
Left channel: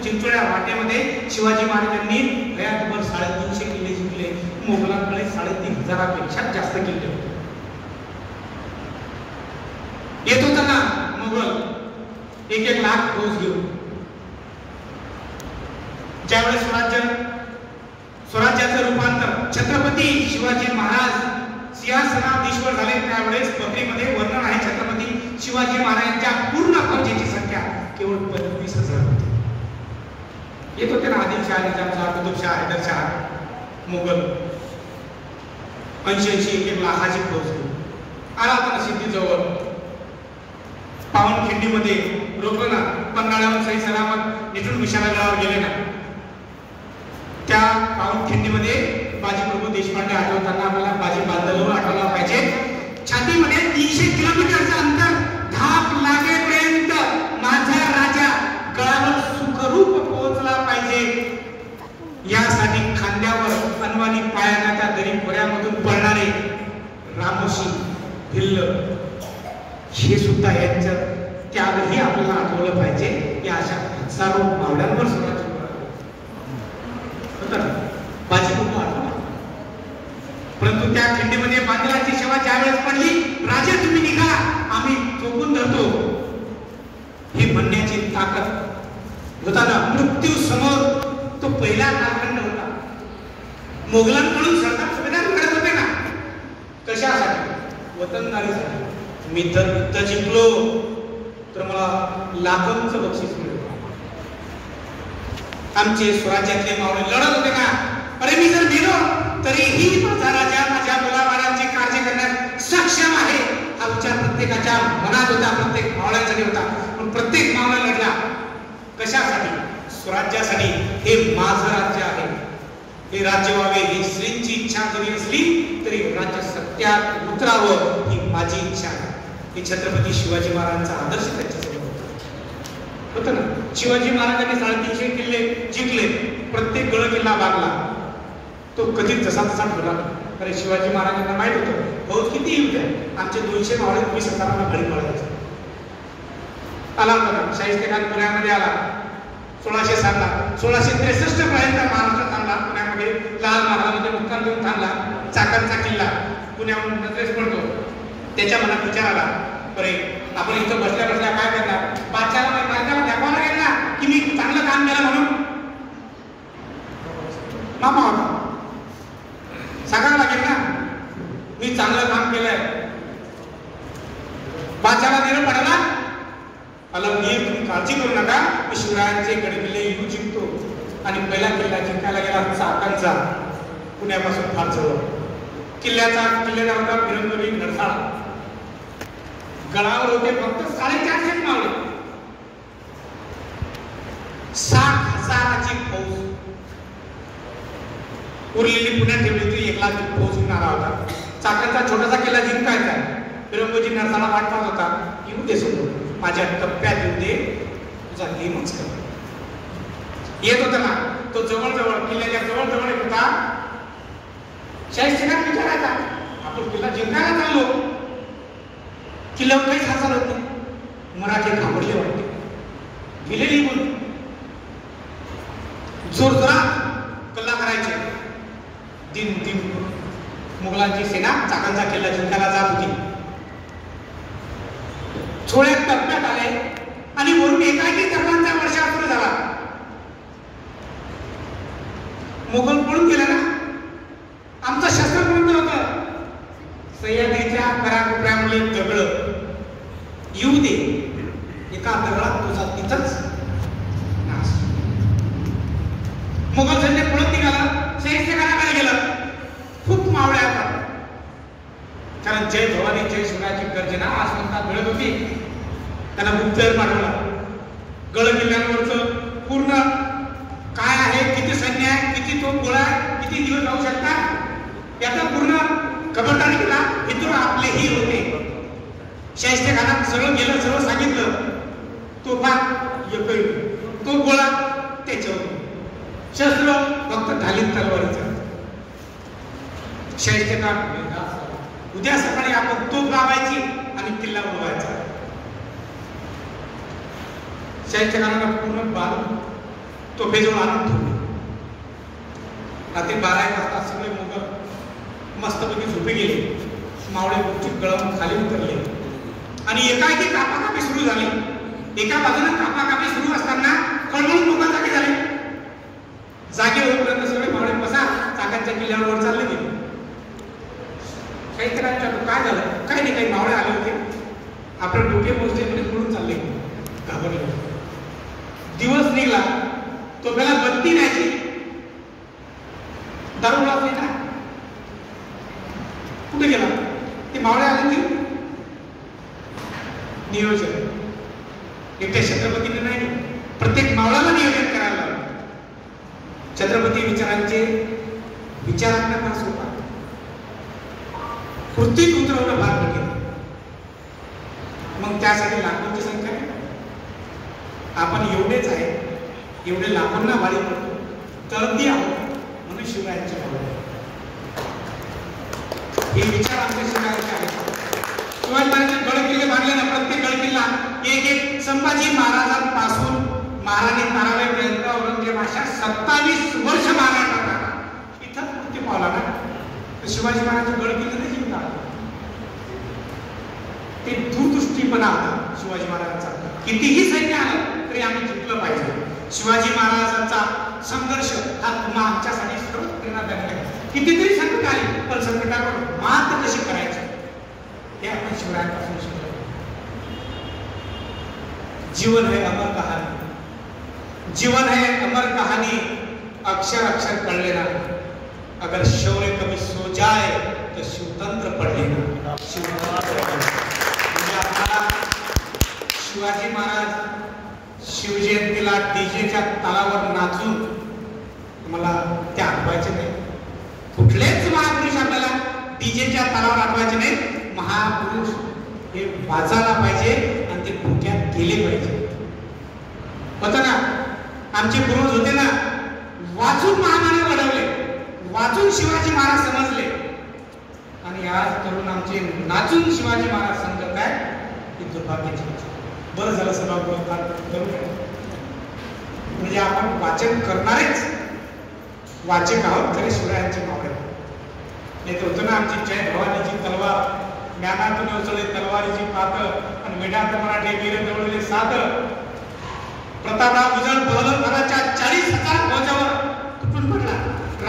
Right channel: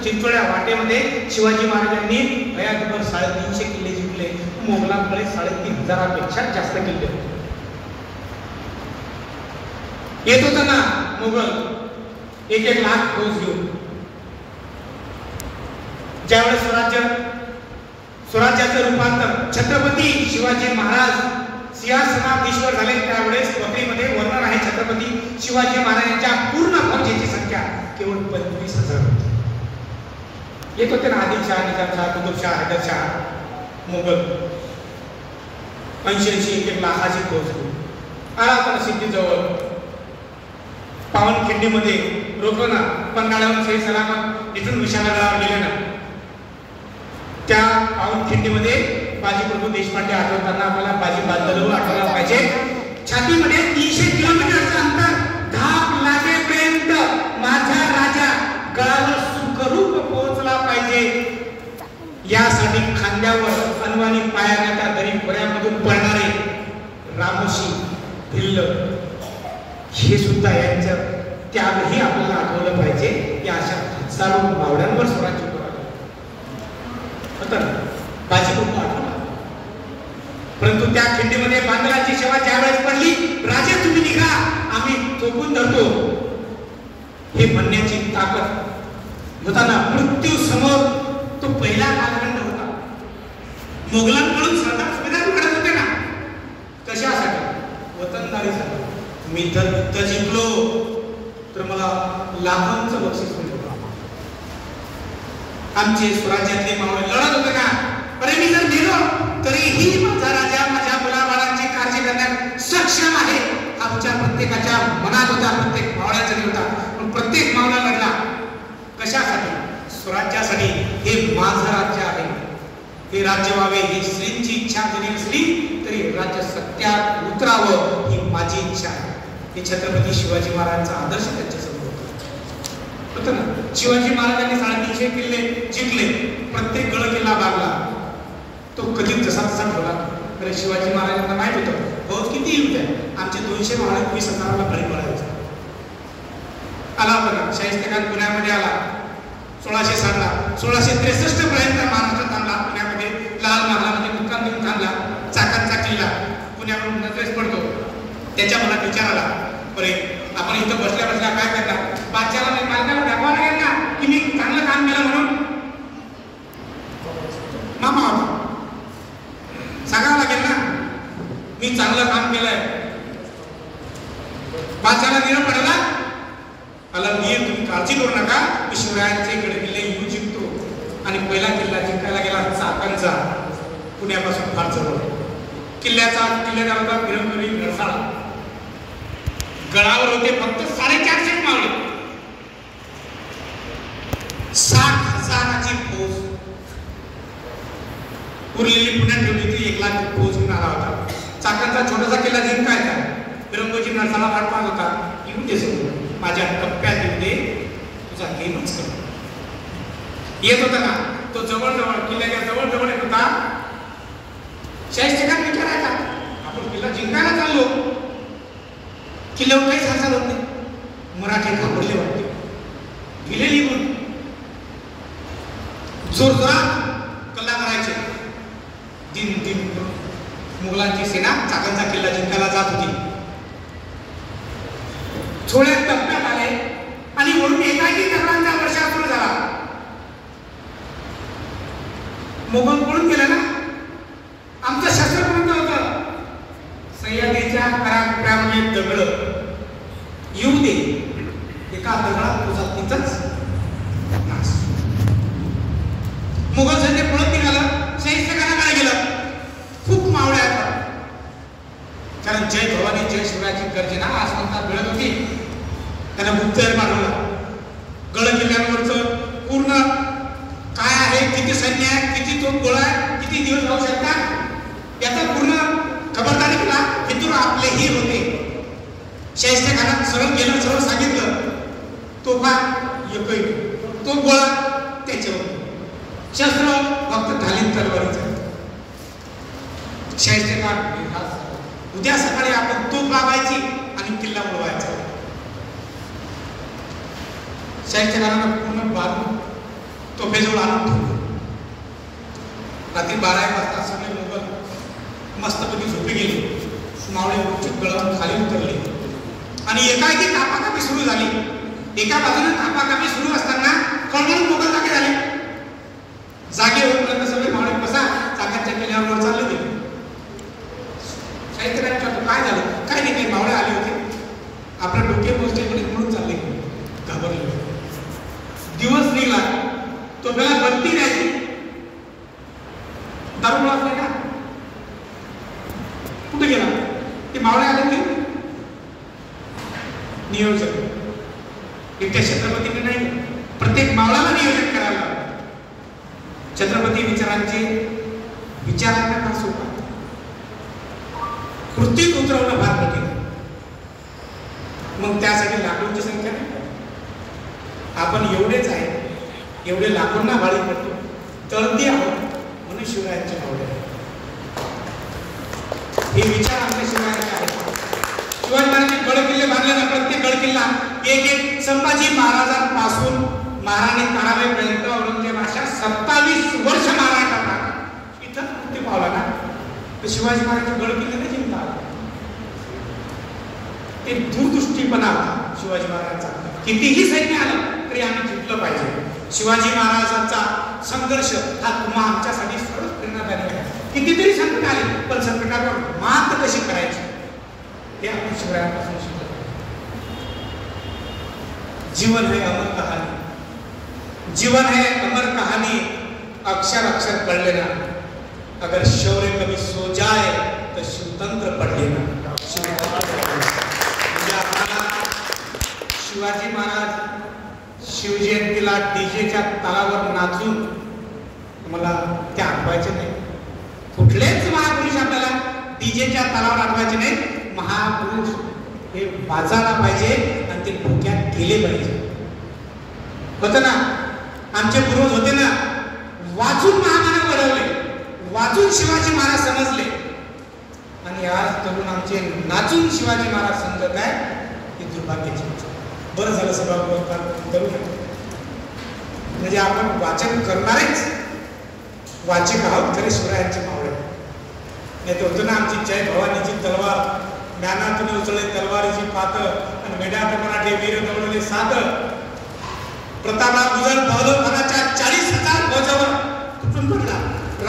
चिंचोळ्या वाटेमध्ये शिवाजी महाराजांनी हयातभर 350 किल्ले जिंकले. मोगलांकडे 3500पेक्षा जास्त किल्ले होते. येत होता ना मुघल 1-1 लाख फौज घेऊन. ज्यावेळेस स्वराज्याचं रूपांतर छत्रपती शिवाजी महाराज सिंहासनाधीश्वर झाले, त्यावेळेस पत्रीमध्ये वर्णन आहे छत्रपती शिवाजी महाराजांच्या पूर्ण फौजेची संख्या केवळ 25,000 होती. येत होते ना आदिलशाह, निजामशाह, कुतुबशाह, हैदरशाह, मोगल 80-1 लाखाची फौज आला पण सिद्धीजवळ पावनखिंडीमध्ये रोखलं ना. पन्हाळ्याहून सही सलामत निघून विशाळगडावर गेले ना. त्या पावनखिंडीमध्ये बाजी प्रभू देशपांडे आठवताना आपल्याला बाजी बांधलं आठवला पाहिजे. छातीमध्ये 300 किलोमीटरचं अंतर धाप लागेपर्यंत माझा राजा गडावर सुखरूप पोहोचला पाहिजे. यासाठी खांद्यावर अनवाणी पायाला त्या दरी खोऱ्यामधून पळणारे रामोशी भिल्ल हे सुद्धा यांच्या त्यावेळी आपल्याला आठवलं पाहिजे. या अशा हजारो मावळ्यांवर स्वराज्य बाजी प्रभू आठवला. परंतु त्या खिंडीमध्ये बांधवाची सेवा ज्यावेळेस पडली, राजे तुम्ही निघा आम्ही चोपून धरतो हे म्हणण्याची ताकद होताना मृत्यू समोर तो पहिला मार्ग नव्हता. मोगलांकडून सरदार सुभेदार घडत होते ना, कशासाठी वतनदारी झाली. मी जर युद्ध जिंकलो तर मला लाखोंचं बक्षीस मिळेल. आमचे स्वराज्यातले मावळे लढत होते का, अरे मी जर गेलो तरीही माझा राजा माझ्या मुलाबाळांची काळजी करण्यास सक्षम आहे हा विचार प्रत्येकाच्या मनात होता, प्रत्येक मावळ्याचा होता. पण प्रत्येक मावळा लढला कशासाठी? स्वराज्यासाठी. हे माझं राज्य आहे, हे राज्य व्हावे ही श्रींची इच्छा जरी असली तरी राज्य सत्यात उतरावं ही माझी इच्छा आहे. ही छत्रपती शिवाजी महाराजांचा आदर्श त्यांच्यासमोर होता ना. शिवाजी महाराजांनी 350 किल्ले जिंकले, प्रत्येक गड किल्ला बांधला. तो कधीच जसा तसा ठेवला. कारण शिवाजी महाराजांना माहित होतं बहुत किती युद्ध आहे, आमचे 200 मावळे 20,000 घरी पळायचे. आला बघा शाहिस्ते खान पुण्यामध्ये आला 1660 ला. 1663 पर्यंत महाराष्ट्रात थांबला. पुण्यामध्ये लाल महालामध्ये मुक्काम देऊन थांबला. चाकणचा किल्ला पुण्याहून नजरेस पडतो. त्याच्या मनात विचार आला, बरे आपण इथं बसल्या बसल्या काय करणार, बादशाला मालकाला दाखवावं लागेल ना की मी चांगलं काम केलं म्हणून. मामा सांगावं लागेल ना मी चांगलं काम केलंय. बादशाला निरोप पडला, आला वीर तुम्ही काळजी करू नका, मी शिवरायांचे गडकिल्ले येऊ जिंकतो. आणि पहिला किल्ला जिंकायला गेला चाकणचा, पुण्यापासून फार जवळ. किल्ल्याचा होता मिळवणारी नरसाळा. गडावर होते फक्त 450 मावळे. 60,000ची फौज उरलेली पुण्यात ठेवली होती. 1 लाख फौज घेऊन आला होता. चाकणचा छोटासा किल्ला जिंकायचा. विरंगोजी नरसाळा वाटता होता, येऊ दे सोडून माझ्या टप्प्यात येऊ दे, तुझा गेमच कर. येत होता ना तो जवळ किल्ल्याच्या जवळ येत होता. शाहिस्ते खान विचारायचा, आपण किल्ला जिंकायला चाललो, किल्ल्यावर काहीच हालचाल होत नाही. मराठी घाबरले वाटते, गेले निघून. जोरजोरात कल्ला करायचे. दिन मुघलांची सेना चाकणचा किल्ला जिंकायला जात होती. थोड्या टप्प्यात आले आणि वरून एकाकी दगडांचा वर्षाव सुरू झाला. मोगल पळून गेले ना, आमचं शस्त्र कोणतं होतं, सह्याद्रीच्या कराकोपऱ्यामध्ये दगड येऊ दे, एका दगडात तुझा तिथंच नाश. मुघल सैन्य पळत निघालं. शाहिस्ते खानाकडे गेलं. खूप मावळे आहेत, कारण जय भवानी जय शिवरायांची गर्जना आसमंतात मिळत होती. त्याला गुप्तहेर पाठवला. गड किल्ल्यांवरचं पूर्ण काय आहे, किती सैन्य आहे, किती तोफ गोळा आहे, किती दिवस राहू शकतात याचा पूर्ण खबरदारी केला. इथून आपले हीर होते. शाहिस्ते खानात सरळ गेलं, सरळ सांगितलं, तोफा येतोय, तो गोळा त्याच्यावर, शस्त्र फक्त ढालीत तलवारीचं. शाहिस्ते खान उद्या सकाळी आपण तोफ लावायची आणि किल्ला उडवायचा. शाहिस्ते खानाला पूर्ण बारून तोफेजवळ आणून ठेवलं. रात्री 12 वाजता सगळे मुघल मस्तपैकी झोपे गेले. मावळे उचित गळावून खाली उतरले आणि एकाएकी कापाकापी सुरू झाली. एका बाजूने कापाकापी सुरू असताना खळबळून मुघल जागे झाले. जागे होईपर्यंत सगळे मावळे बसा चाकणच्या किल्ल्यावर चालले गेले. शाहिस्ते खान विचारतो, काय झालं? काय नाही, काही मावळे आले होते, आपले डोके पोचले म्हणून चालले, घाबरले. दिवस निघला, तो मला बत्ती द्यायची. दारू लागले ना कुठे गेला ते मावळे आले की नियोजन एकट्या छत्रपतीने नाही प्रत्येक मावळाला नियोजन करायला लागलं. छत्रपती विचारांचे विचारांना फार सोपा कृतीत उतरवणं फार कठीण. मग त्यासाठी लाखोंची संख्या नाही. आपण एवढेच आहे एवढे लाखोंना वाळी पडतो तळती आहोत म्हणून शिवरायांच्या आवड हे विचार आपल्या शिवरायांचे आहेत. शिवाजी महाराजांनी गड किल्ले बांधले ना प्रत्येक गड किल्ला एक एक संभाजी महाराजांपासून महाराणी ताराबाईपर्यंत औरंगजेबाच्या 27 वर्ष महाराज करताना इथं मुक्ती पावला ना तर शिवाजी महाराजांचे गड किल्ले नाही जिंकला. ते दूरदृष्टीपणा होता शिवाजी महाराजांचा. कितीही सैन्य आलं तरी आम्ही जिंकलं पाहिजे. शिवाजी महाराजांचा संघर्ष हा तुम्हा आमच्यासाठी सर्व प्रेरणादायी आहे. कितीतरी संकट आली पण संकटावर मात कशी करायची हे आपण शिवरायांपासून शिकलो. जीवन है अमर कहानी, जीवन है अमर कहानी, अक्षर अक्षर पढ़ लेना. अगर शौर्य कभी सो जाए तो शिवतंत्र पढ़ लेना. शिवाजी महाराज शिवजयंतीला डीजेच्या तालावर नाचून मला ते आठवायचे नाही. कुठलेच महापुरुष आपल्याला डीजेच्या तालावर आठवायचे नाही. महापुरुष हे वाचायला पाहिजे आणि ते डोक्यात केले पाहिजे. होतं ना आमचे पूर्वज होते ना वाचून महामानव घडवले, वाचून शिवाजी महाराज समजले आणि आज तरुण आमचे नाचून शिवाजी महाराज समजत आहे. ही दुर्भाग्याची. बरं झालं सगळं करू नये म्हणजे आपण वाचन करणारेच वाचिक आहोत खरे शिवरायांचे मावळे. येते होतं ना आमची जय भवानीची तलवार ज्ञानातून उचलले तलवारीची पात आणि मेढ्यात मराठे वीर दवडले सात. प्रतापराव गुजर बहलोखानाच्या 40,000 फौजावर तुटून पडला.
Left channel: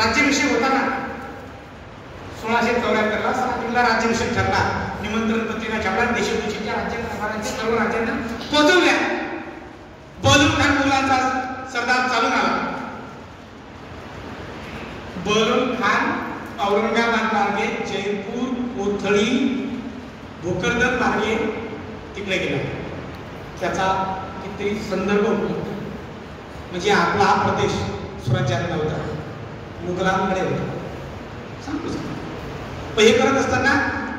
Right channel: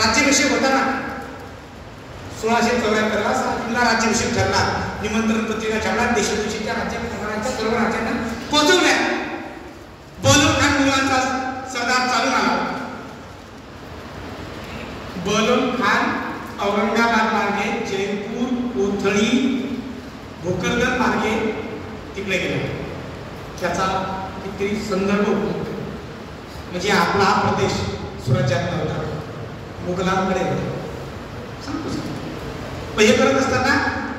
राज्याभिषेक होता ना 1674 ला राज्याभिषेक ठरला. निमंत्रण पत्रिका छापला. देशमुखीच्या राज्यकारभाराच्या सर्व राज्यांना पोहोचवल्या. बहलोल खान मुलांचा सरदार चालून आला. बहलोल खान औरंगाबाद मार्गे जयपूर कोथळी भोकरदन मार्गे तिकडे गेला. त्याचा किती संदर्भ म्हणजे आपला हा प्रदेश स्वराज्यात नव्हता, मुघलांकडे होता. सांगतो हे करत असताना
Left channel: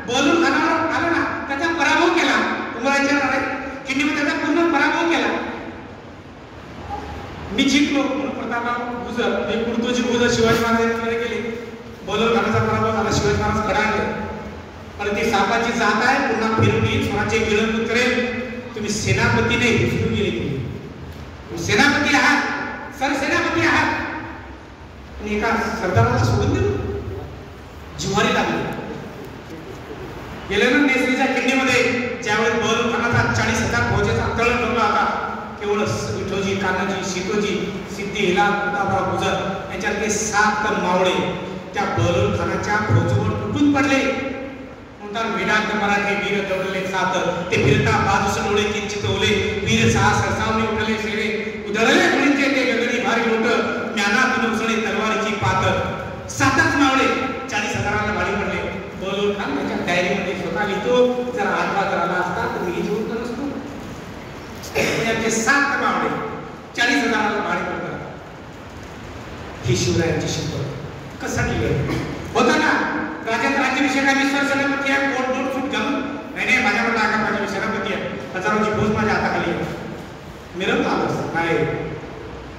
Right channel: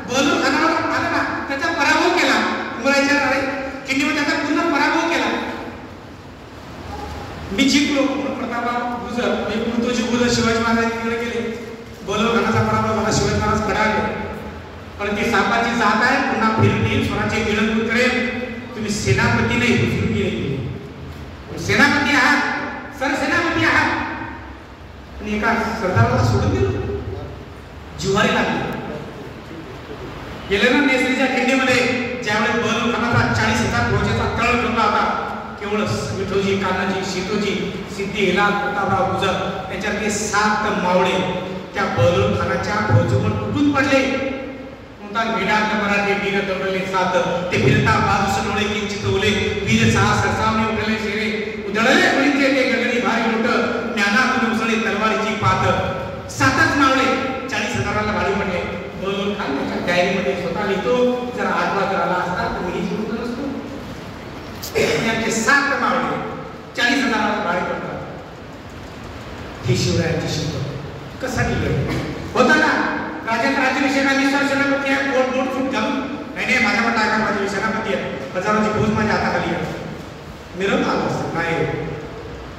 बहलोल खानावर आला ना त्याचा पराभव केला. तुम्हाला विचार करायचा किल्लीमध्ये त्याचा पूर्ण पराभव केला. मी जिंकलो म्हणून प्रतापराव गुजर हे मृत्यूची गुजर शिवाजी महाराजांकडे गेले. बहलोल खानाचा पराभव झाला. शिवाजी महाराज कडाळले पण ते सापाची जात आहे पुन्हा फिरून येईल स्वराज्य गिळंत करेल. तुम्ही सेनापती नाही उचलून गेले. सेनापती आहात सरसेनापती आहात आणि एका सरदाराला सोडून दिलं. जिव्हारी लागली. गेले ना नेसरीच्या किल्लीमध्ये ज्यावेळी बहलोल खानाचा 40,000 फौजेचा तळ ठरला होता केवळ विठोजी कान्हाजी सीतोजी सिद्धी हिलाल प्रतापराव गुजर यांच्यातले 7 मावळे त्या बहलोल खानाच्या फौजेवर तुटून पडले. वेदांत मराठे वीर दौडले सात. ते फिरता बाजूस डोळे किंचित ओले. वीर सहा सरसावणे उडले शेरे उधळले कुणीचे ते गगडी भारी मोठ ज्ञानातून उसळे तलवारीची पात. 7च मावळे 40,000ला भारी पडले. बहलोल खान त्याच्या डायरीमध्ये स्वतः लिहितो जर आठवा जर आला असता तर मी जिंकलो नसतो. त्यांचे 7 मावळे 40,000ला भारी पडतात. ही शिवरायांची शिकवण कसा लिहिले होता ना. राज्यात राज्याभिषेकाने सेनापती आहे बोट बोट फूट घालून नाही माझ्यावर टाका माझी सेनापती आहे हजाराची फौज माझ्या हाताखाली आहे. मिरवला नाही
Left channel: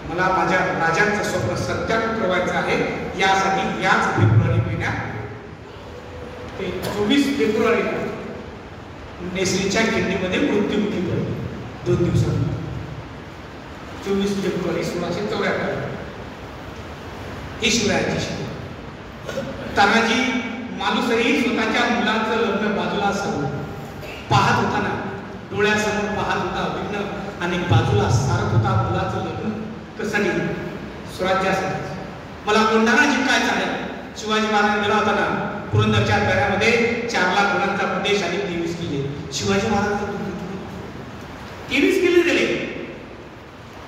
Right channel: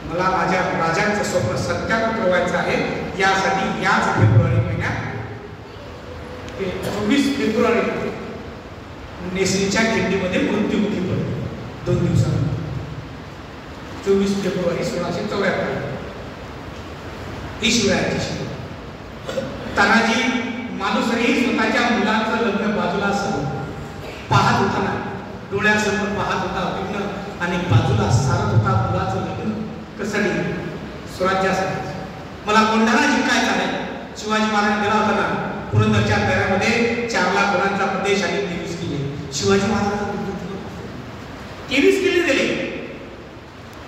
मला माझ्या राजांचं स्वप्न सत्यात उतरवायचं आहे. यासाठी याच फेब्रुवारी महिन्यात 24 फेब्रुवारी नेसरीच्या किल्लीमध्ये मृत्युमुखी पडलो. 2 दिवसांनी 24 फेब्रुवारी 1674 ही शिवरायांची शिकवण. तानाजी मालुसरी स्वतःच्या मुलाचं लग्न बाजूला पाहत होता ना डोळ्यासमोर पाहत होता विघ्न आणि बाजूला सारत होता मुलाचं लग्न कसाठी स्वराज्यासाठी. मला कोंढाणा जिंकायचा आहे. शिवाजी महाराज गेला होता ना पुरंदरच्या दऱ्यामध्ये 4 लाख मुलांचा प्रदेश आणि 23 किल्ले. शिवाजी महाराज 23 किल्ले दिले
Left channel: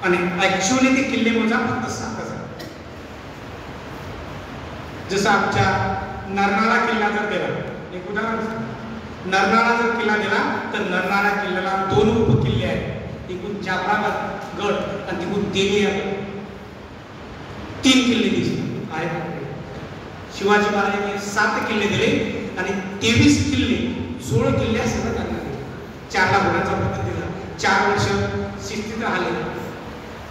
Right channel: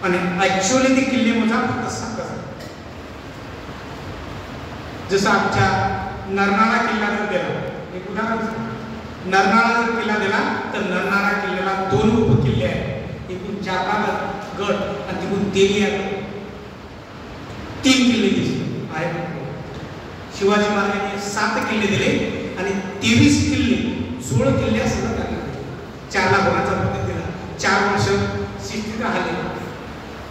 आणि ऍक्च्युअली ते किल्ले मोजा फक्त 7. जसं आमच्या नरनाळा किल्ला जर गेला, एक उदाहरण सांग, नरनाळा जर किल्ला दिला तर नरनाळा किल्ल्याला 2 उपकिल्ले आहेत, एकूण जाफरा गड आणि तिकडून तेलिया 3 किल्ले दिसले आहेत. शिवाजी महाराजांनी 7 किल्ले दिले आणि 23 किल्ले 16 किल्ले सगळं त्यांना दिले. 4 लाख होण्याचा पद्धत दिला. 4 वर्ष शिस्तीत राहिले.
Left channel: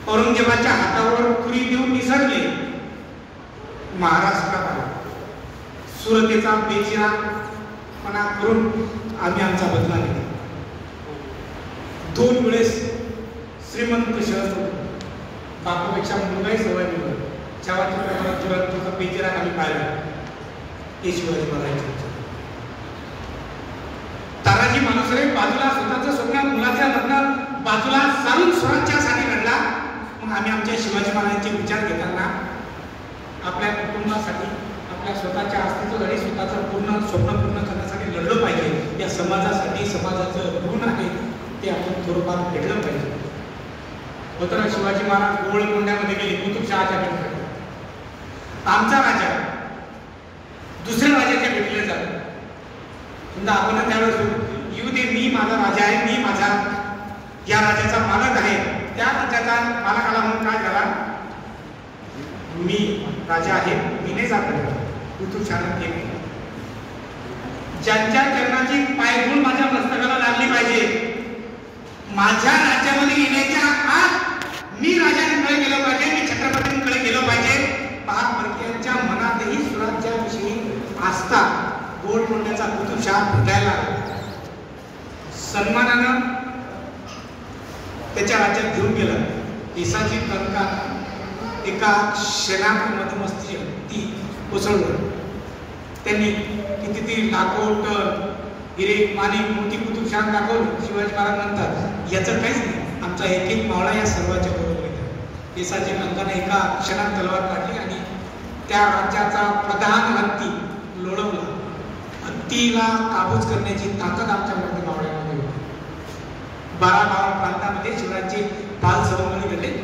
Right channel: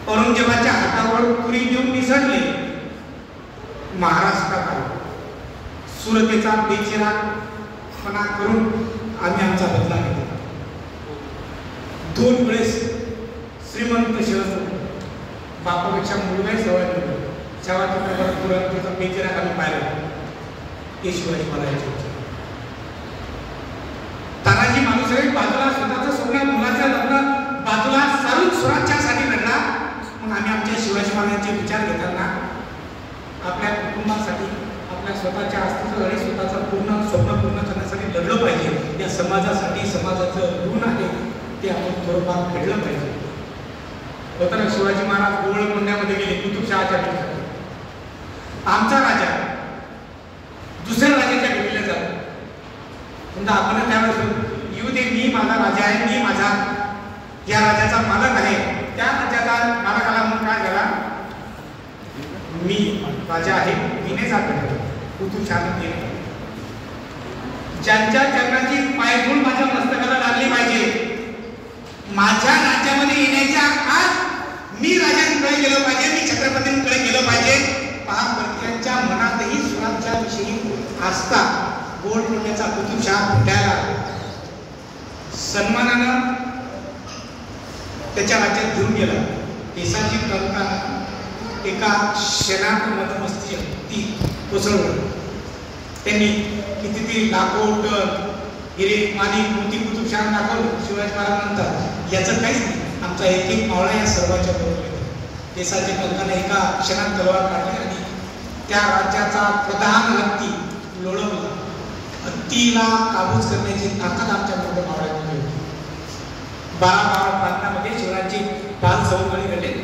औरंगजेबाच्या हातावर पुरी देऊन निसटले. महाराष्ट्रात आले. सुरतेचा बेचिरागपणा करून आम्ही आमचा बदला घेतला. 2 वेळेस श्रीमंत शहर बापापेक्षा मुलगाही सवय मिळतो. जेव्हा तुला बेचिराग आम्ही पाहिला ते शिवाजी महाराजांचे तानाजी मालुसरे बाजूला स्वतःचं स्वप्न मुलाच्या लग्न बाजूला सारून स्वराज्यासाठी लढला. मग आम्ही आमच्या शिवाजी महाराजांचे विचार घेताना आपल्या कुटुंबासाठी, आपल्या स्वतःच्या अस्तित्वासाठी, स्वतःचं स्वप्न पूर्ण करण्यासाठी लढलं पाहिजे. या समाजासाठी समाजाचं ऋण आहे ते आपण थोडंफार फेडलं पाहिजे. होतं शिवाजी महाराज गोवळकोंड्यामध्ये गेले कुतुबशहाच्या ठिकाणी. आमचा राजा दुसऱ्या राजाच्या भेटीला जातो. म्हणजे आपण त्यावेळेस येऊ दे, मी माझा राजा आहे, मी माझा या राजाचा मालक आहे, त्या राजाचा मालकाला म्हणून काय झाला, मी राजा आहे, मी नाही जात कुतुबशहाने केले. ज्यांच्या चरणाची पायधूळ माझ्या मस्तकाला लागली पाहिजे, माझ्या राज्यामध्ये येण्याच्या आत मी राजांकडे गेलो पाहिजे, मी छत्रपतींकडे गेलो पाहिजे. महाराष्ट्राच्या मनातही स्वराज्याविषयी आस्था, गोवळकोंड्याचा कुतुबशहा भेटायला सन्मानानं त्याच्या राज्यात घेऊन गेला. देशाची तंटा एका शेणामध्ये मस्ती ती कोसळवलं. त्यांनी कितीतरी लाखो टन हिरे पाणी मोती कुतुबशहा दाखवली. शिवाजी महाराजांनंतर याचं काहीच नाही. आमचा एक मावळा या सर्वांच्या बरोबर गेला. देशाच्या पंथाने एका क्षणात तलवार काढली आणि त्या राज्याचा प्रधान हत्ती लोळवला. हत्तीला काबूज करण्याची ताकद आमच्या मोठ्या मावळ्यामध्ये होती. 12 प्रांतामध्ये शिवरायांची बाल सवंगडी घडले.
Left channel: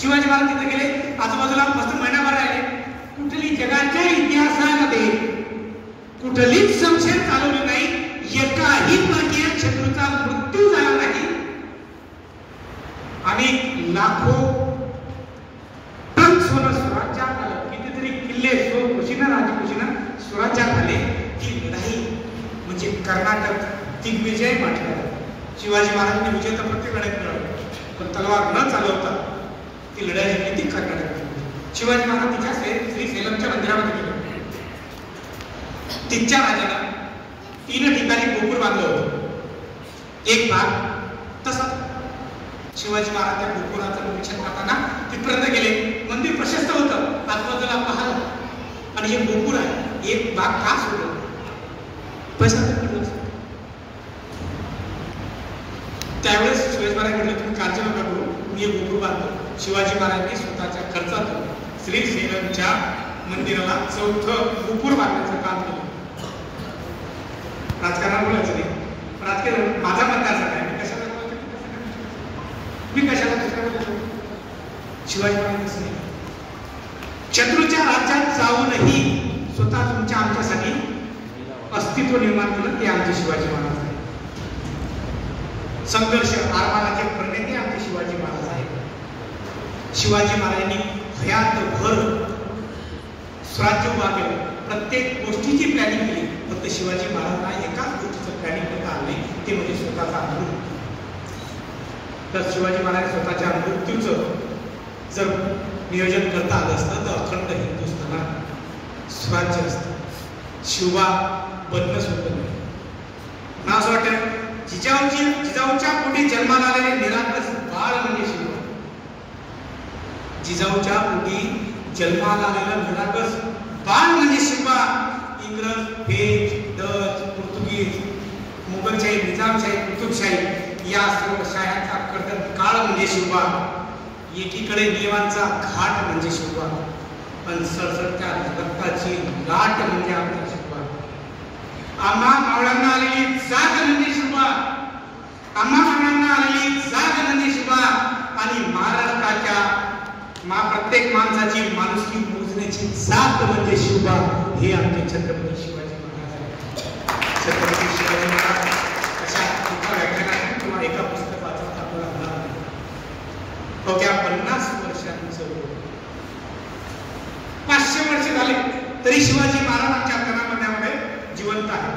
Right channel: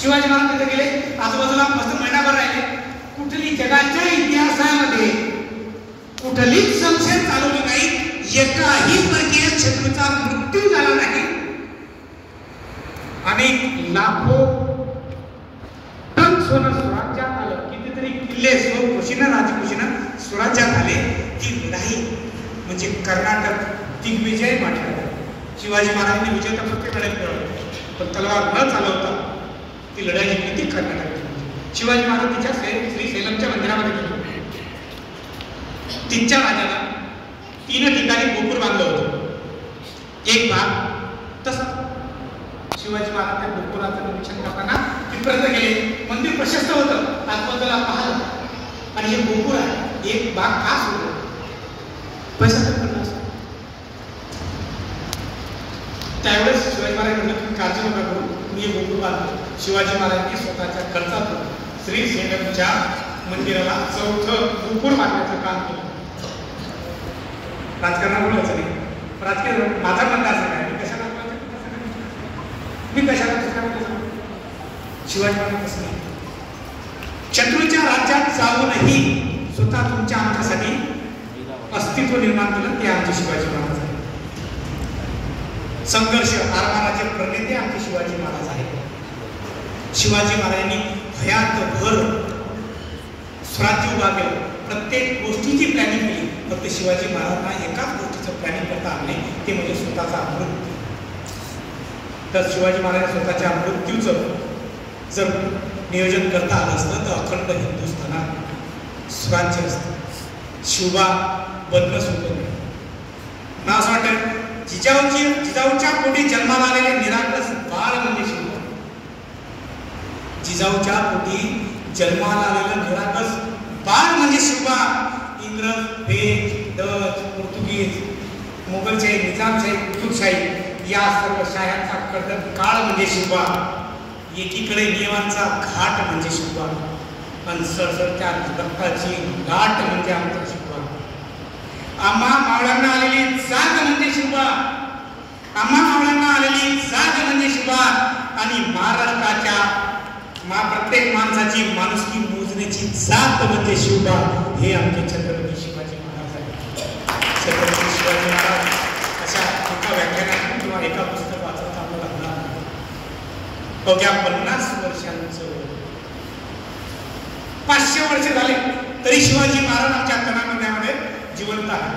शिवाजी महाराज तिथे गेले, आजूबाजूला मस्त महिनाभर राहिले. कुठली जगाच्या इतिहासामध्ये कुठलीच संशय चालवलं नाही, एकाही परकीय शत्रूचा मृत्यू झाला नाही. आणि लाखो टन सोनं स्वराज्यात आलं. कितीतरी किल्ले स्वखुशीनं राजखुशीनं स्वराज्यात आले. ती लढाई म्हणजे कर्नाटक दिग्विजय म्हटलं. शिवाजी महाराजांनी विजय तर प्रत्येक लढाईत मिळवला, पण तलवार न चालवता ती लढाई किती कर्नाटक. शिवाजी महाराज तिच्या श्री सेलमच्या मंदिरामध्ये गेले. तिच्या राजाला 3 ठिकाणी गोपूर बांधलं होतं. एक भाग तसा शिवाजी महाराज त्या गोपुराचं निरीक्षण करताना तिथपर्यंत गेले. मंदिर प्रशस्त होतं, आजूबाजूला पाहिलं आणि हे गोपुर आहे. एक भाग का सोडला, पैसा पडला. त्यावेळेस शिवाजी महाराज म्हणले, तुम्ही काळजी नका करू, मी हे गोपुर बांधतो. शिवाजी महाराजांनी स्वतःच्या खर्चातून श्री सेलमच्या मंदिराला 4थं गोपुर बांधण्याचं काम केलं. राजकारण बोलायचं नाही, राजकीय माझा मतदारचा काय, मी कशाला शिवाजी महाराज कसं नाही. शत्रूच्या राज्यात जाऊनही स्वतः तुमच्या आमच्यासाठी अस्तित्व निर्माण केलं, ते आमचे शिवाजी महाराज आहे. संघर्ष आरमाराचे प्रणेते आमचे शिवाजी महाराज आहेत. शिवाजी महाराजांनी भयात स्वराज्य उभा केलं. प्रत्येक गोष्टीची प्लॅनिंग केली. फक्त शिवाजी महाराजांना एकाच गोष्टीचं प्लॅनिंग करता आलं नाही, ते म्हणजे स्वतःचा मृत्यू. तर शिवाजी महाराज स्वतःच्या मृत्यूचं जर नियोजन करता आलं असतं तर अखंड हिंदुस्थानात स्वराज्य असतं. शिवबा बदल सुद्धा नाही. मला असं वाटतं जिजाऊच्या पोटी जन्माला आलेले निरागस बाळ म्हणजे शिवबा. जिजाऊच्या पोटी जन्माला आलेलं निरागस बाळ म्हणजे शिवबा. इंग्रज, फ्रेंच, डच, पोर्तुगीज, मोगलशाही, निजामशाही, कुतुबशाही या सर्व शाह्यांचा कर्दन काळ म्हणजे शिवबा. एकीकडे नियमांचा घाट म्हणजे शिवबा, पण सरसरच्या रक्ताची गाठ म्हणजे आमचा शिवबा. आम्हा मावळ्यांना आलेली जाग म्हणजे शिवबा. आम्हा मावळ्यांना आलेली जाग म्हणजे शिवबा. आणि महाराष्ट्राच्या प्रत्येक माणसाची माणुसकी मोजण्याची जात म्हणजे शिवबा, हे आमचे छत्रपती शिवाजी महाराज आहेत. छत्रपती शिवाजींचा अशा एका व्याख्यानात किंवा एका पुस्तक वाचत आपल्याला अवघ्या 50 वर्षांचं 500 वर्ष झाले तरी शिवाजी महाराज आमच्या तनामध्ये जिवंत आहे.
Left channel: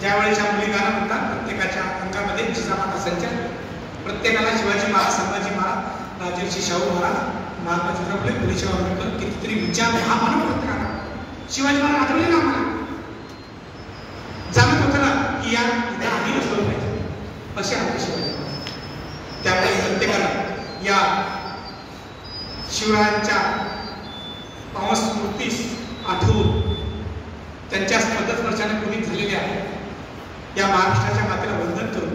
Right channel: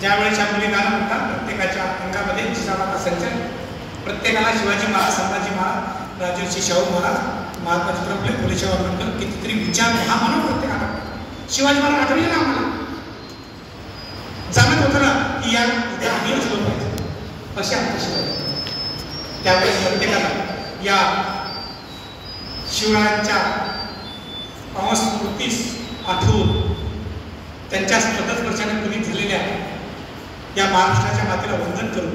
ज्यावेळेच्या मुलीगाणं म्हणतात प्रत्येकाच्या अंगामध्ये जिजामाता संचल, प्रत्येकाला शिवाजी महाराज, संभाजी महाराज, राजर्षी शाहू महाराज, महात्मा ज्योतिराव फुले, फुलेशाह आंबेडकर कितीतरी विचार हा म्हणा प्रत्येकाला. शिवाजी महाराज आठवले ना आम्हाला, जाणत होतं ना की या आम्ही असलो पाहिजे असे आमचे शिवाजी. त्यावेळेस प्रत्येकाला या शिवरायांच्या पावस्मृतीस आठवून त्यांच्या पदस्पर्शाने पुनीत झालेल्या या महाराष्ट्राच्या मातेला वंदन करून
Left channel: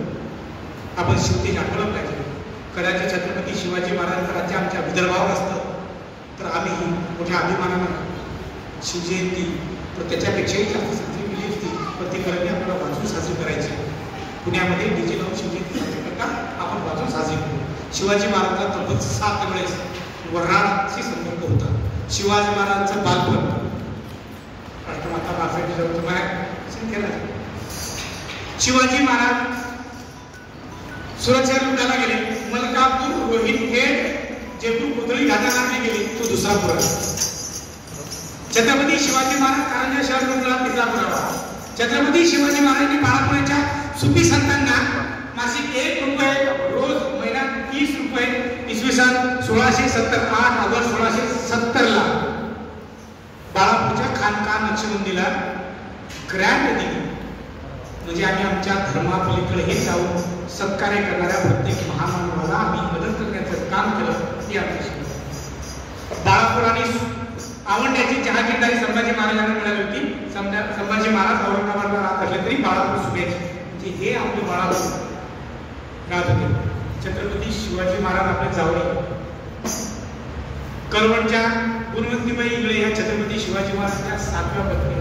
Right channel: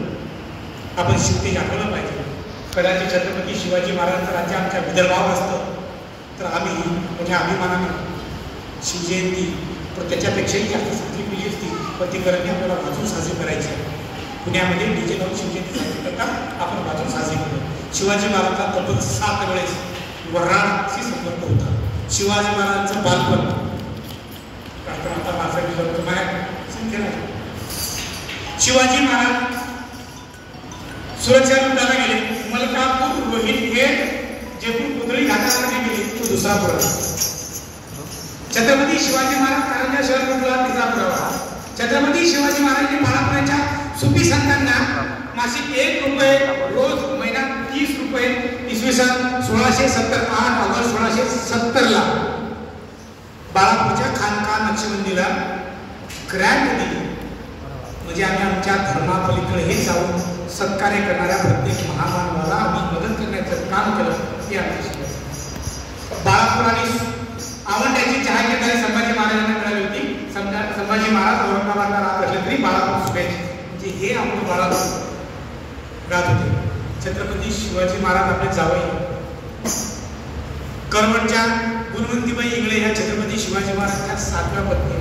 आपण शिवतेज आठवलं पाहिजे. कदाचित छत्रपती शिवाजी महाराजांचं राज्य आमच्या विदर्भावर असतं तर आम्ही मोठ्या अभिमानानं शिवजयंती त्याच्यापेक्षाही जास्त साजरी केली असती, पण ती करणे आपल्याला वाचून साजरी करायची. पुण्यामध्ये डीजे लावून शिवजयंती साजरी करतात, आपण वाचून साजरी करतो. शिवाजी महाराजांचा तब्बल 7 वेळेस वऱ्हाडशी संदर्भ होता. शिवाजी महाराजांचं बालपण आता तुम्हाला शिवाजी महाराज सुरक्षा लुटायला गेले. मलकापूर, रोहितखेड, जयपूर, पुतळी घाटाला गेले तो दुसरा पुरावा. छत्रपती शिवाजी महाराज कारंजा शहर लुटला, तिसरा पुरावा. छत्रपती शिवाजी महाराजांनी बाळापुराच्या सुफी संतांना मासिक 1 रुपये रोज, महिन्यात 30 रुपये, इसवी सन 1670 8 ऑगस्ट 1670 ला बाळापूरच्या खानका नक्षबंदीला ग्रँड दिली. म्हणजे आम्ही आमच्या धर्मापलीकडे हे जाऊन सत्कार्य करणाऱ्या प्रत्येक महामानवाला आम्ही मदत करण्याचं काम केलं. हे आमची बाळापूर आणि आवंड्याची जहागीरदारी संभाजी महाराजांना मिळाली होती. संभाजी महाराज औरंगाबादला राहत असले तरी बाळापूर सुटायचे, म्हणजे हे आपले बाळापूर राहत होते. छत्रपती शिवाजी महाराज आपले जावई करवटच्या गुणवंतीबाई इंगळे या छत्रपती शिवाजी महाराजांच्या 7व्या पत्नी.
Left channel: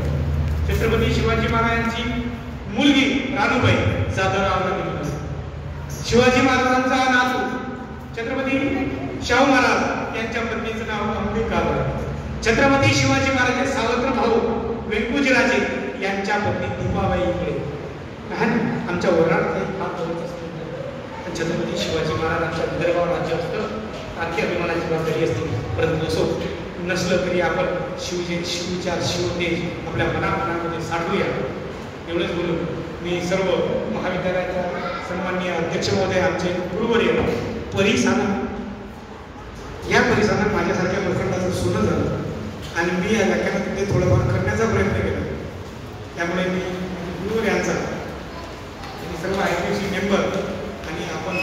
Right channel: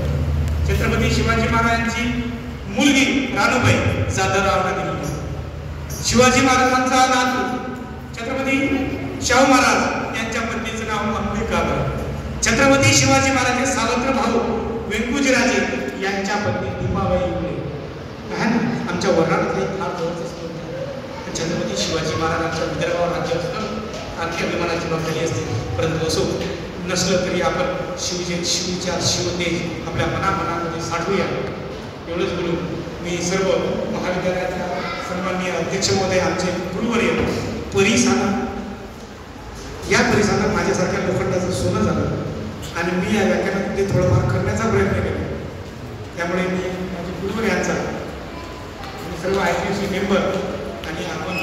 छत्रपती शिवाजी महाराजांची मुलगी राणूबाई जाधवरावांना दिली. शिवाजी महाराजांचा नातू छत्रपती शाहू महाराज यांच्या पत्नीचं नाव अंबिकाबाई. छत्रपती शिवाजी महाराजांचे सावत्र भाऊ व्यंकुजीराजे यांच्या पत्नी दीपाबाई इंगळे. आमच्या वऱ्हाडात हे फार जवळच असते. छत्रपती शिवाजी महाराजांच्या विदर्भावर राज्य असतं, आणखी अभिमानाची जबाबदारी असते. परंतु असो नसलं तरी आपण शिवच्या शिवतेज आपल्या मनामध्ये साठवूया. एवढंच बोलून मी सर्व महाविद्यालयाच्या सन्माननीय अध्यक्ष महोदय, आमचे गुरुवर्य या परिसरात माझ्यासारख्या लोखंडाचं सोनं झालं आणि मी या व्याख्यानात ते थोडंफार करण्याचा प्रयत्न केला. त्यामुळे मी माझ्या गुरुवर्यांचा आणि सर्व आयसीसी मेंबर आणि आपण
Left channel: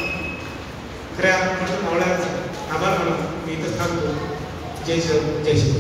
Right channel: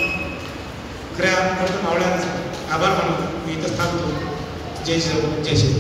खऱ्या मावळ्यांचा आभार मानून मी इथं थांबतो. जय श्री जय श्री.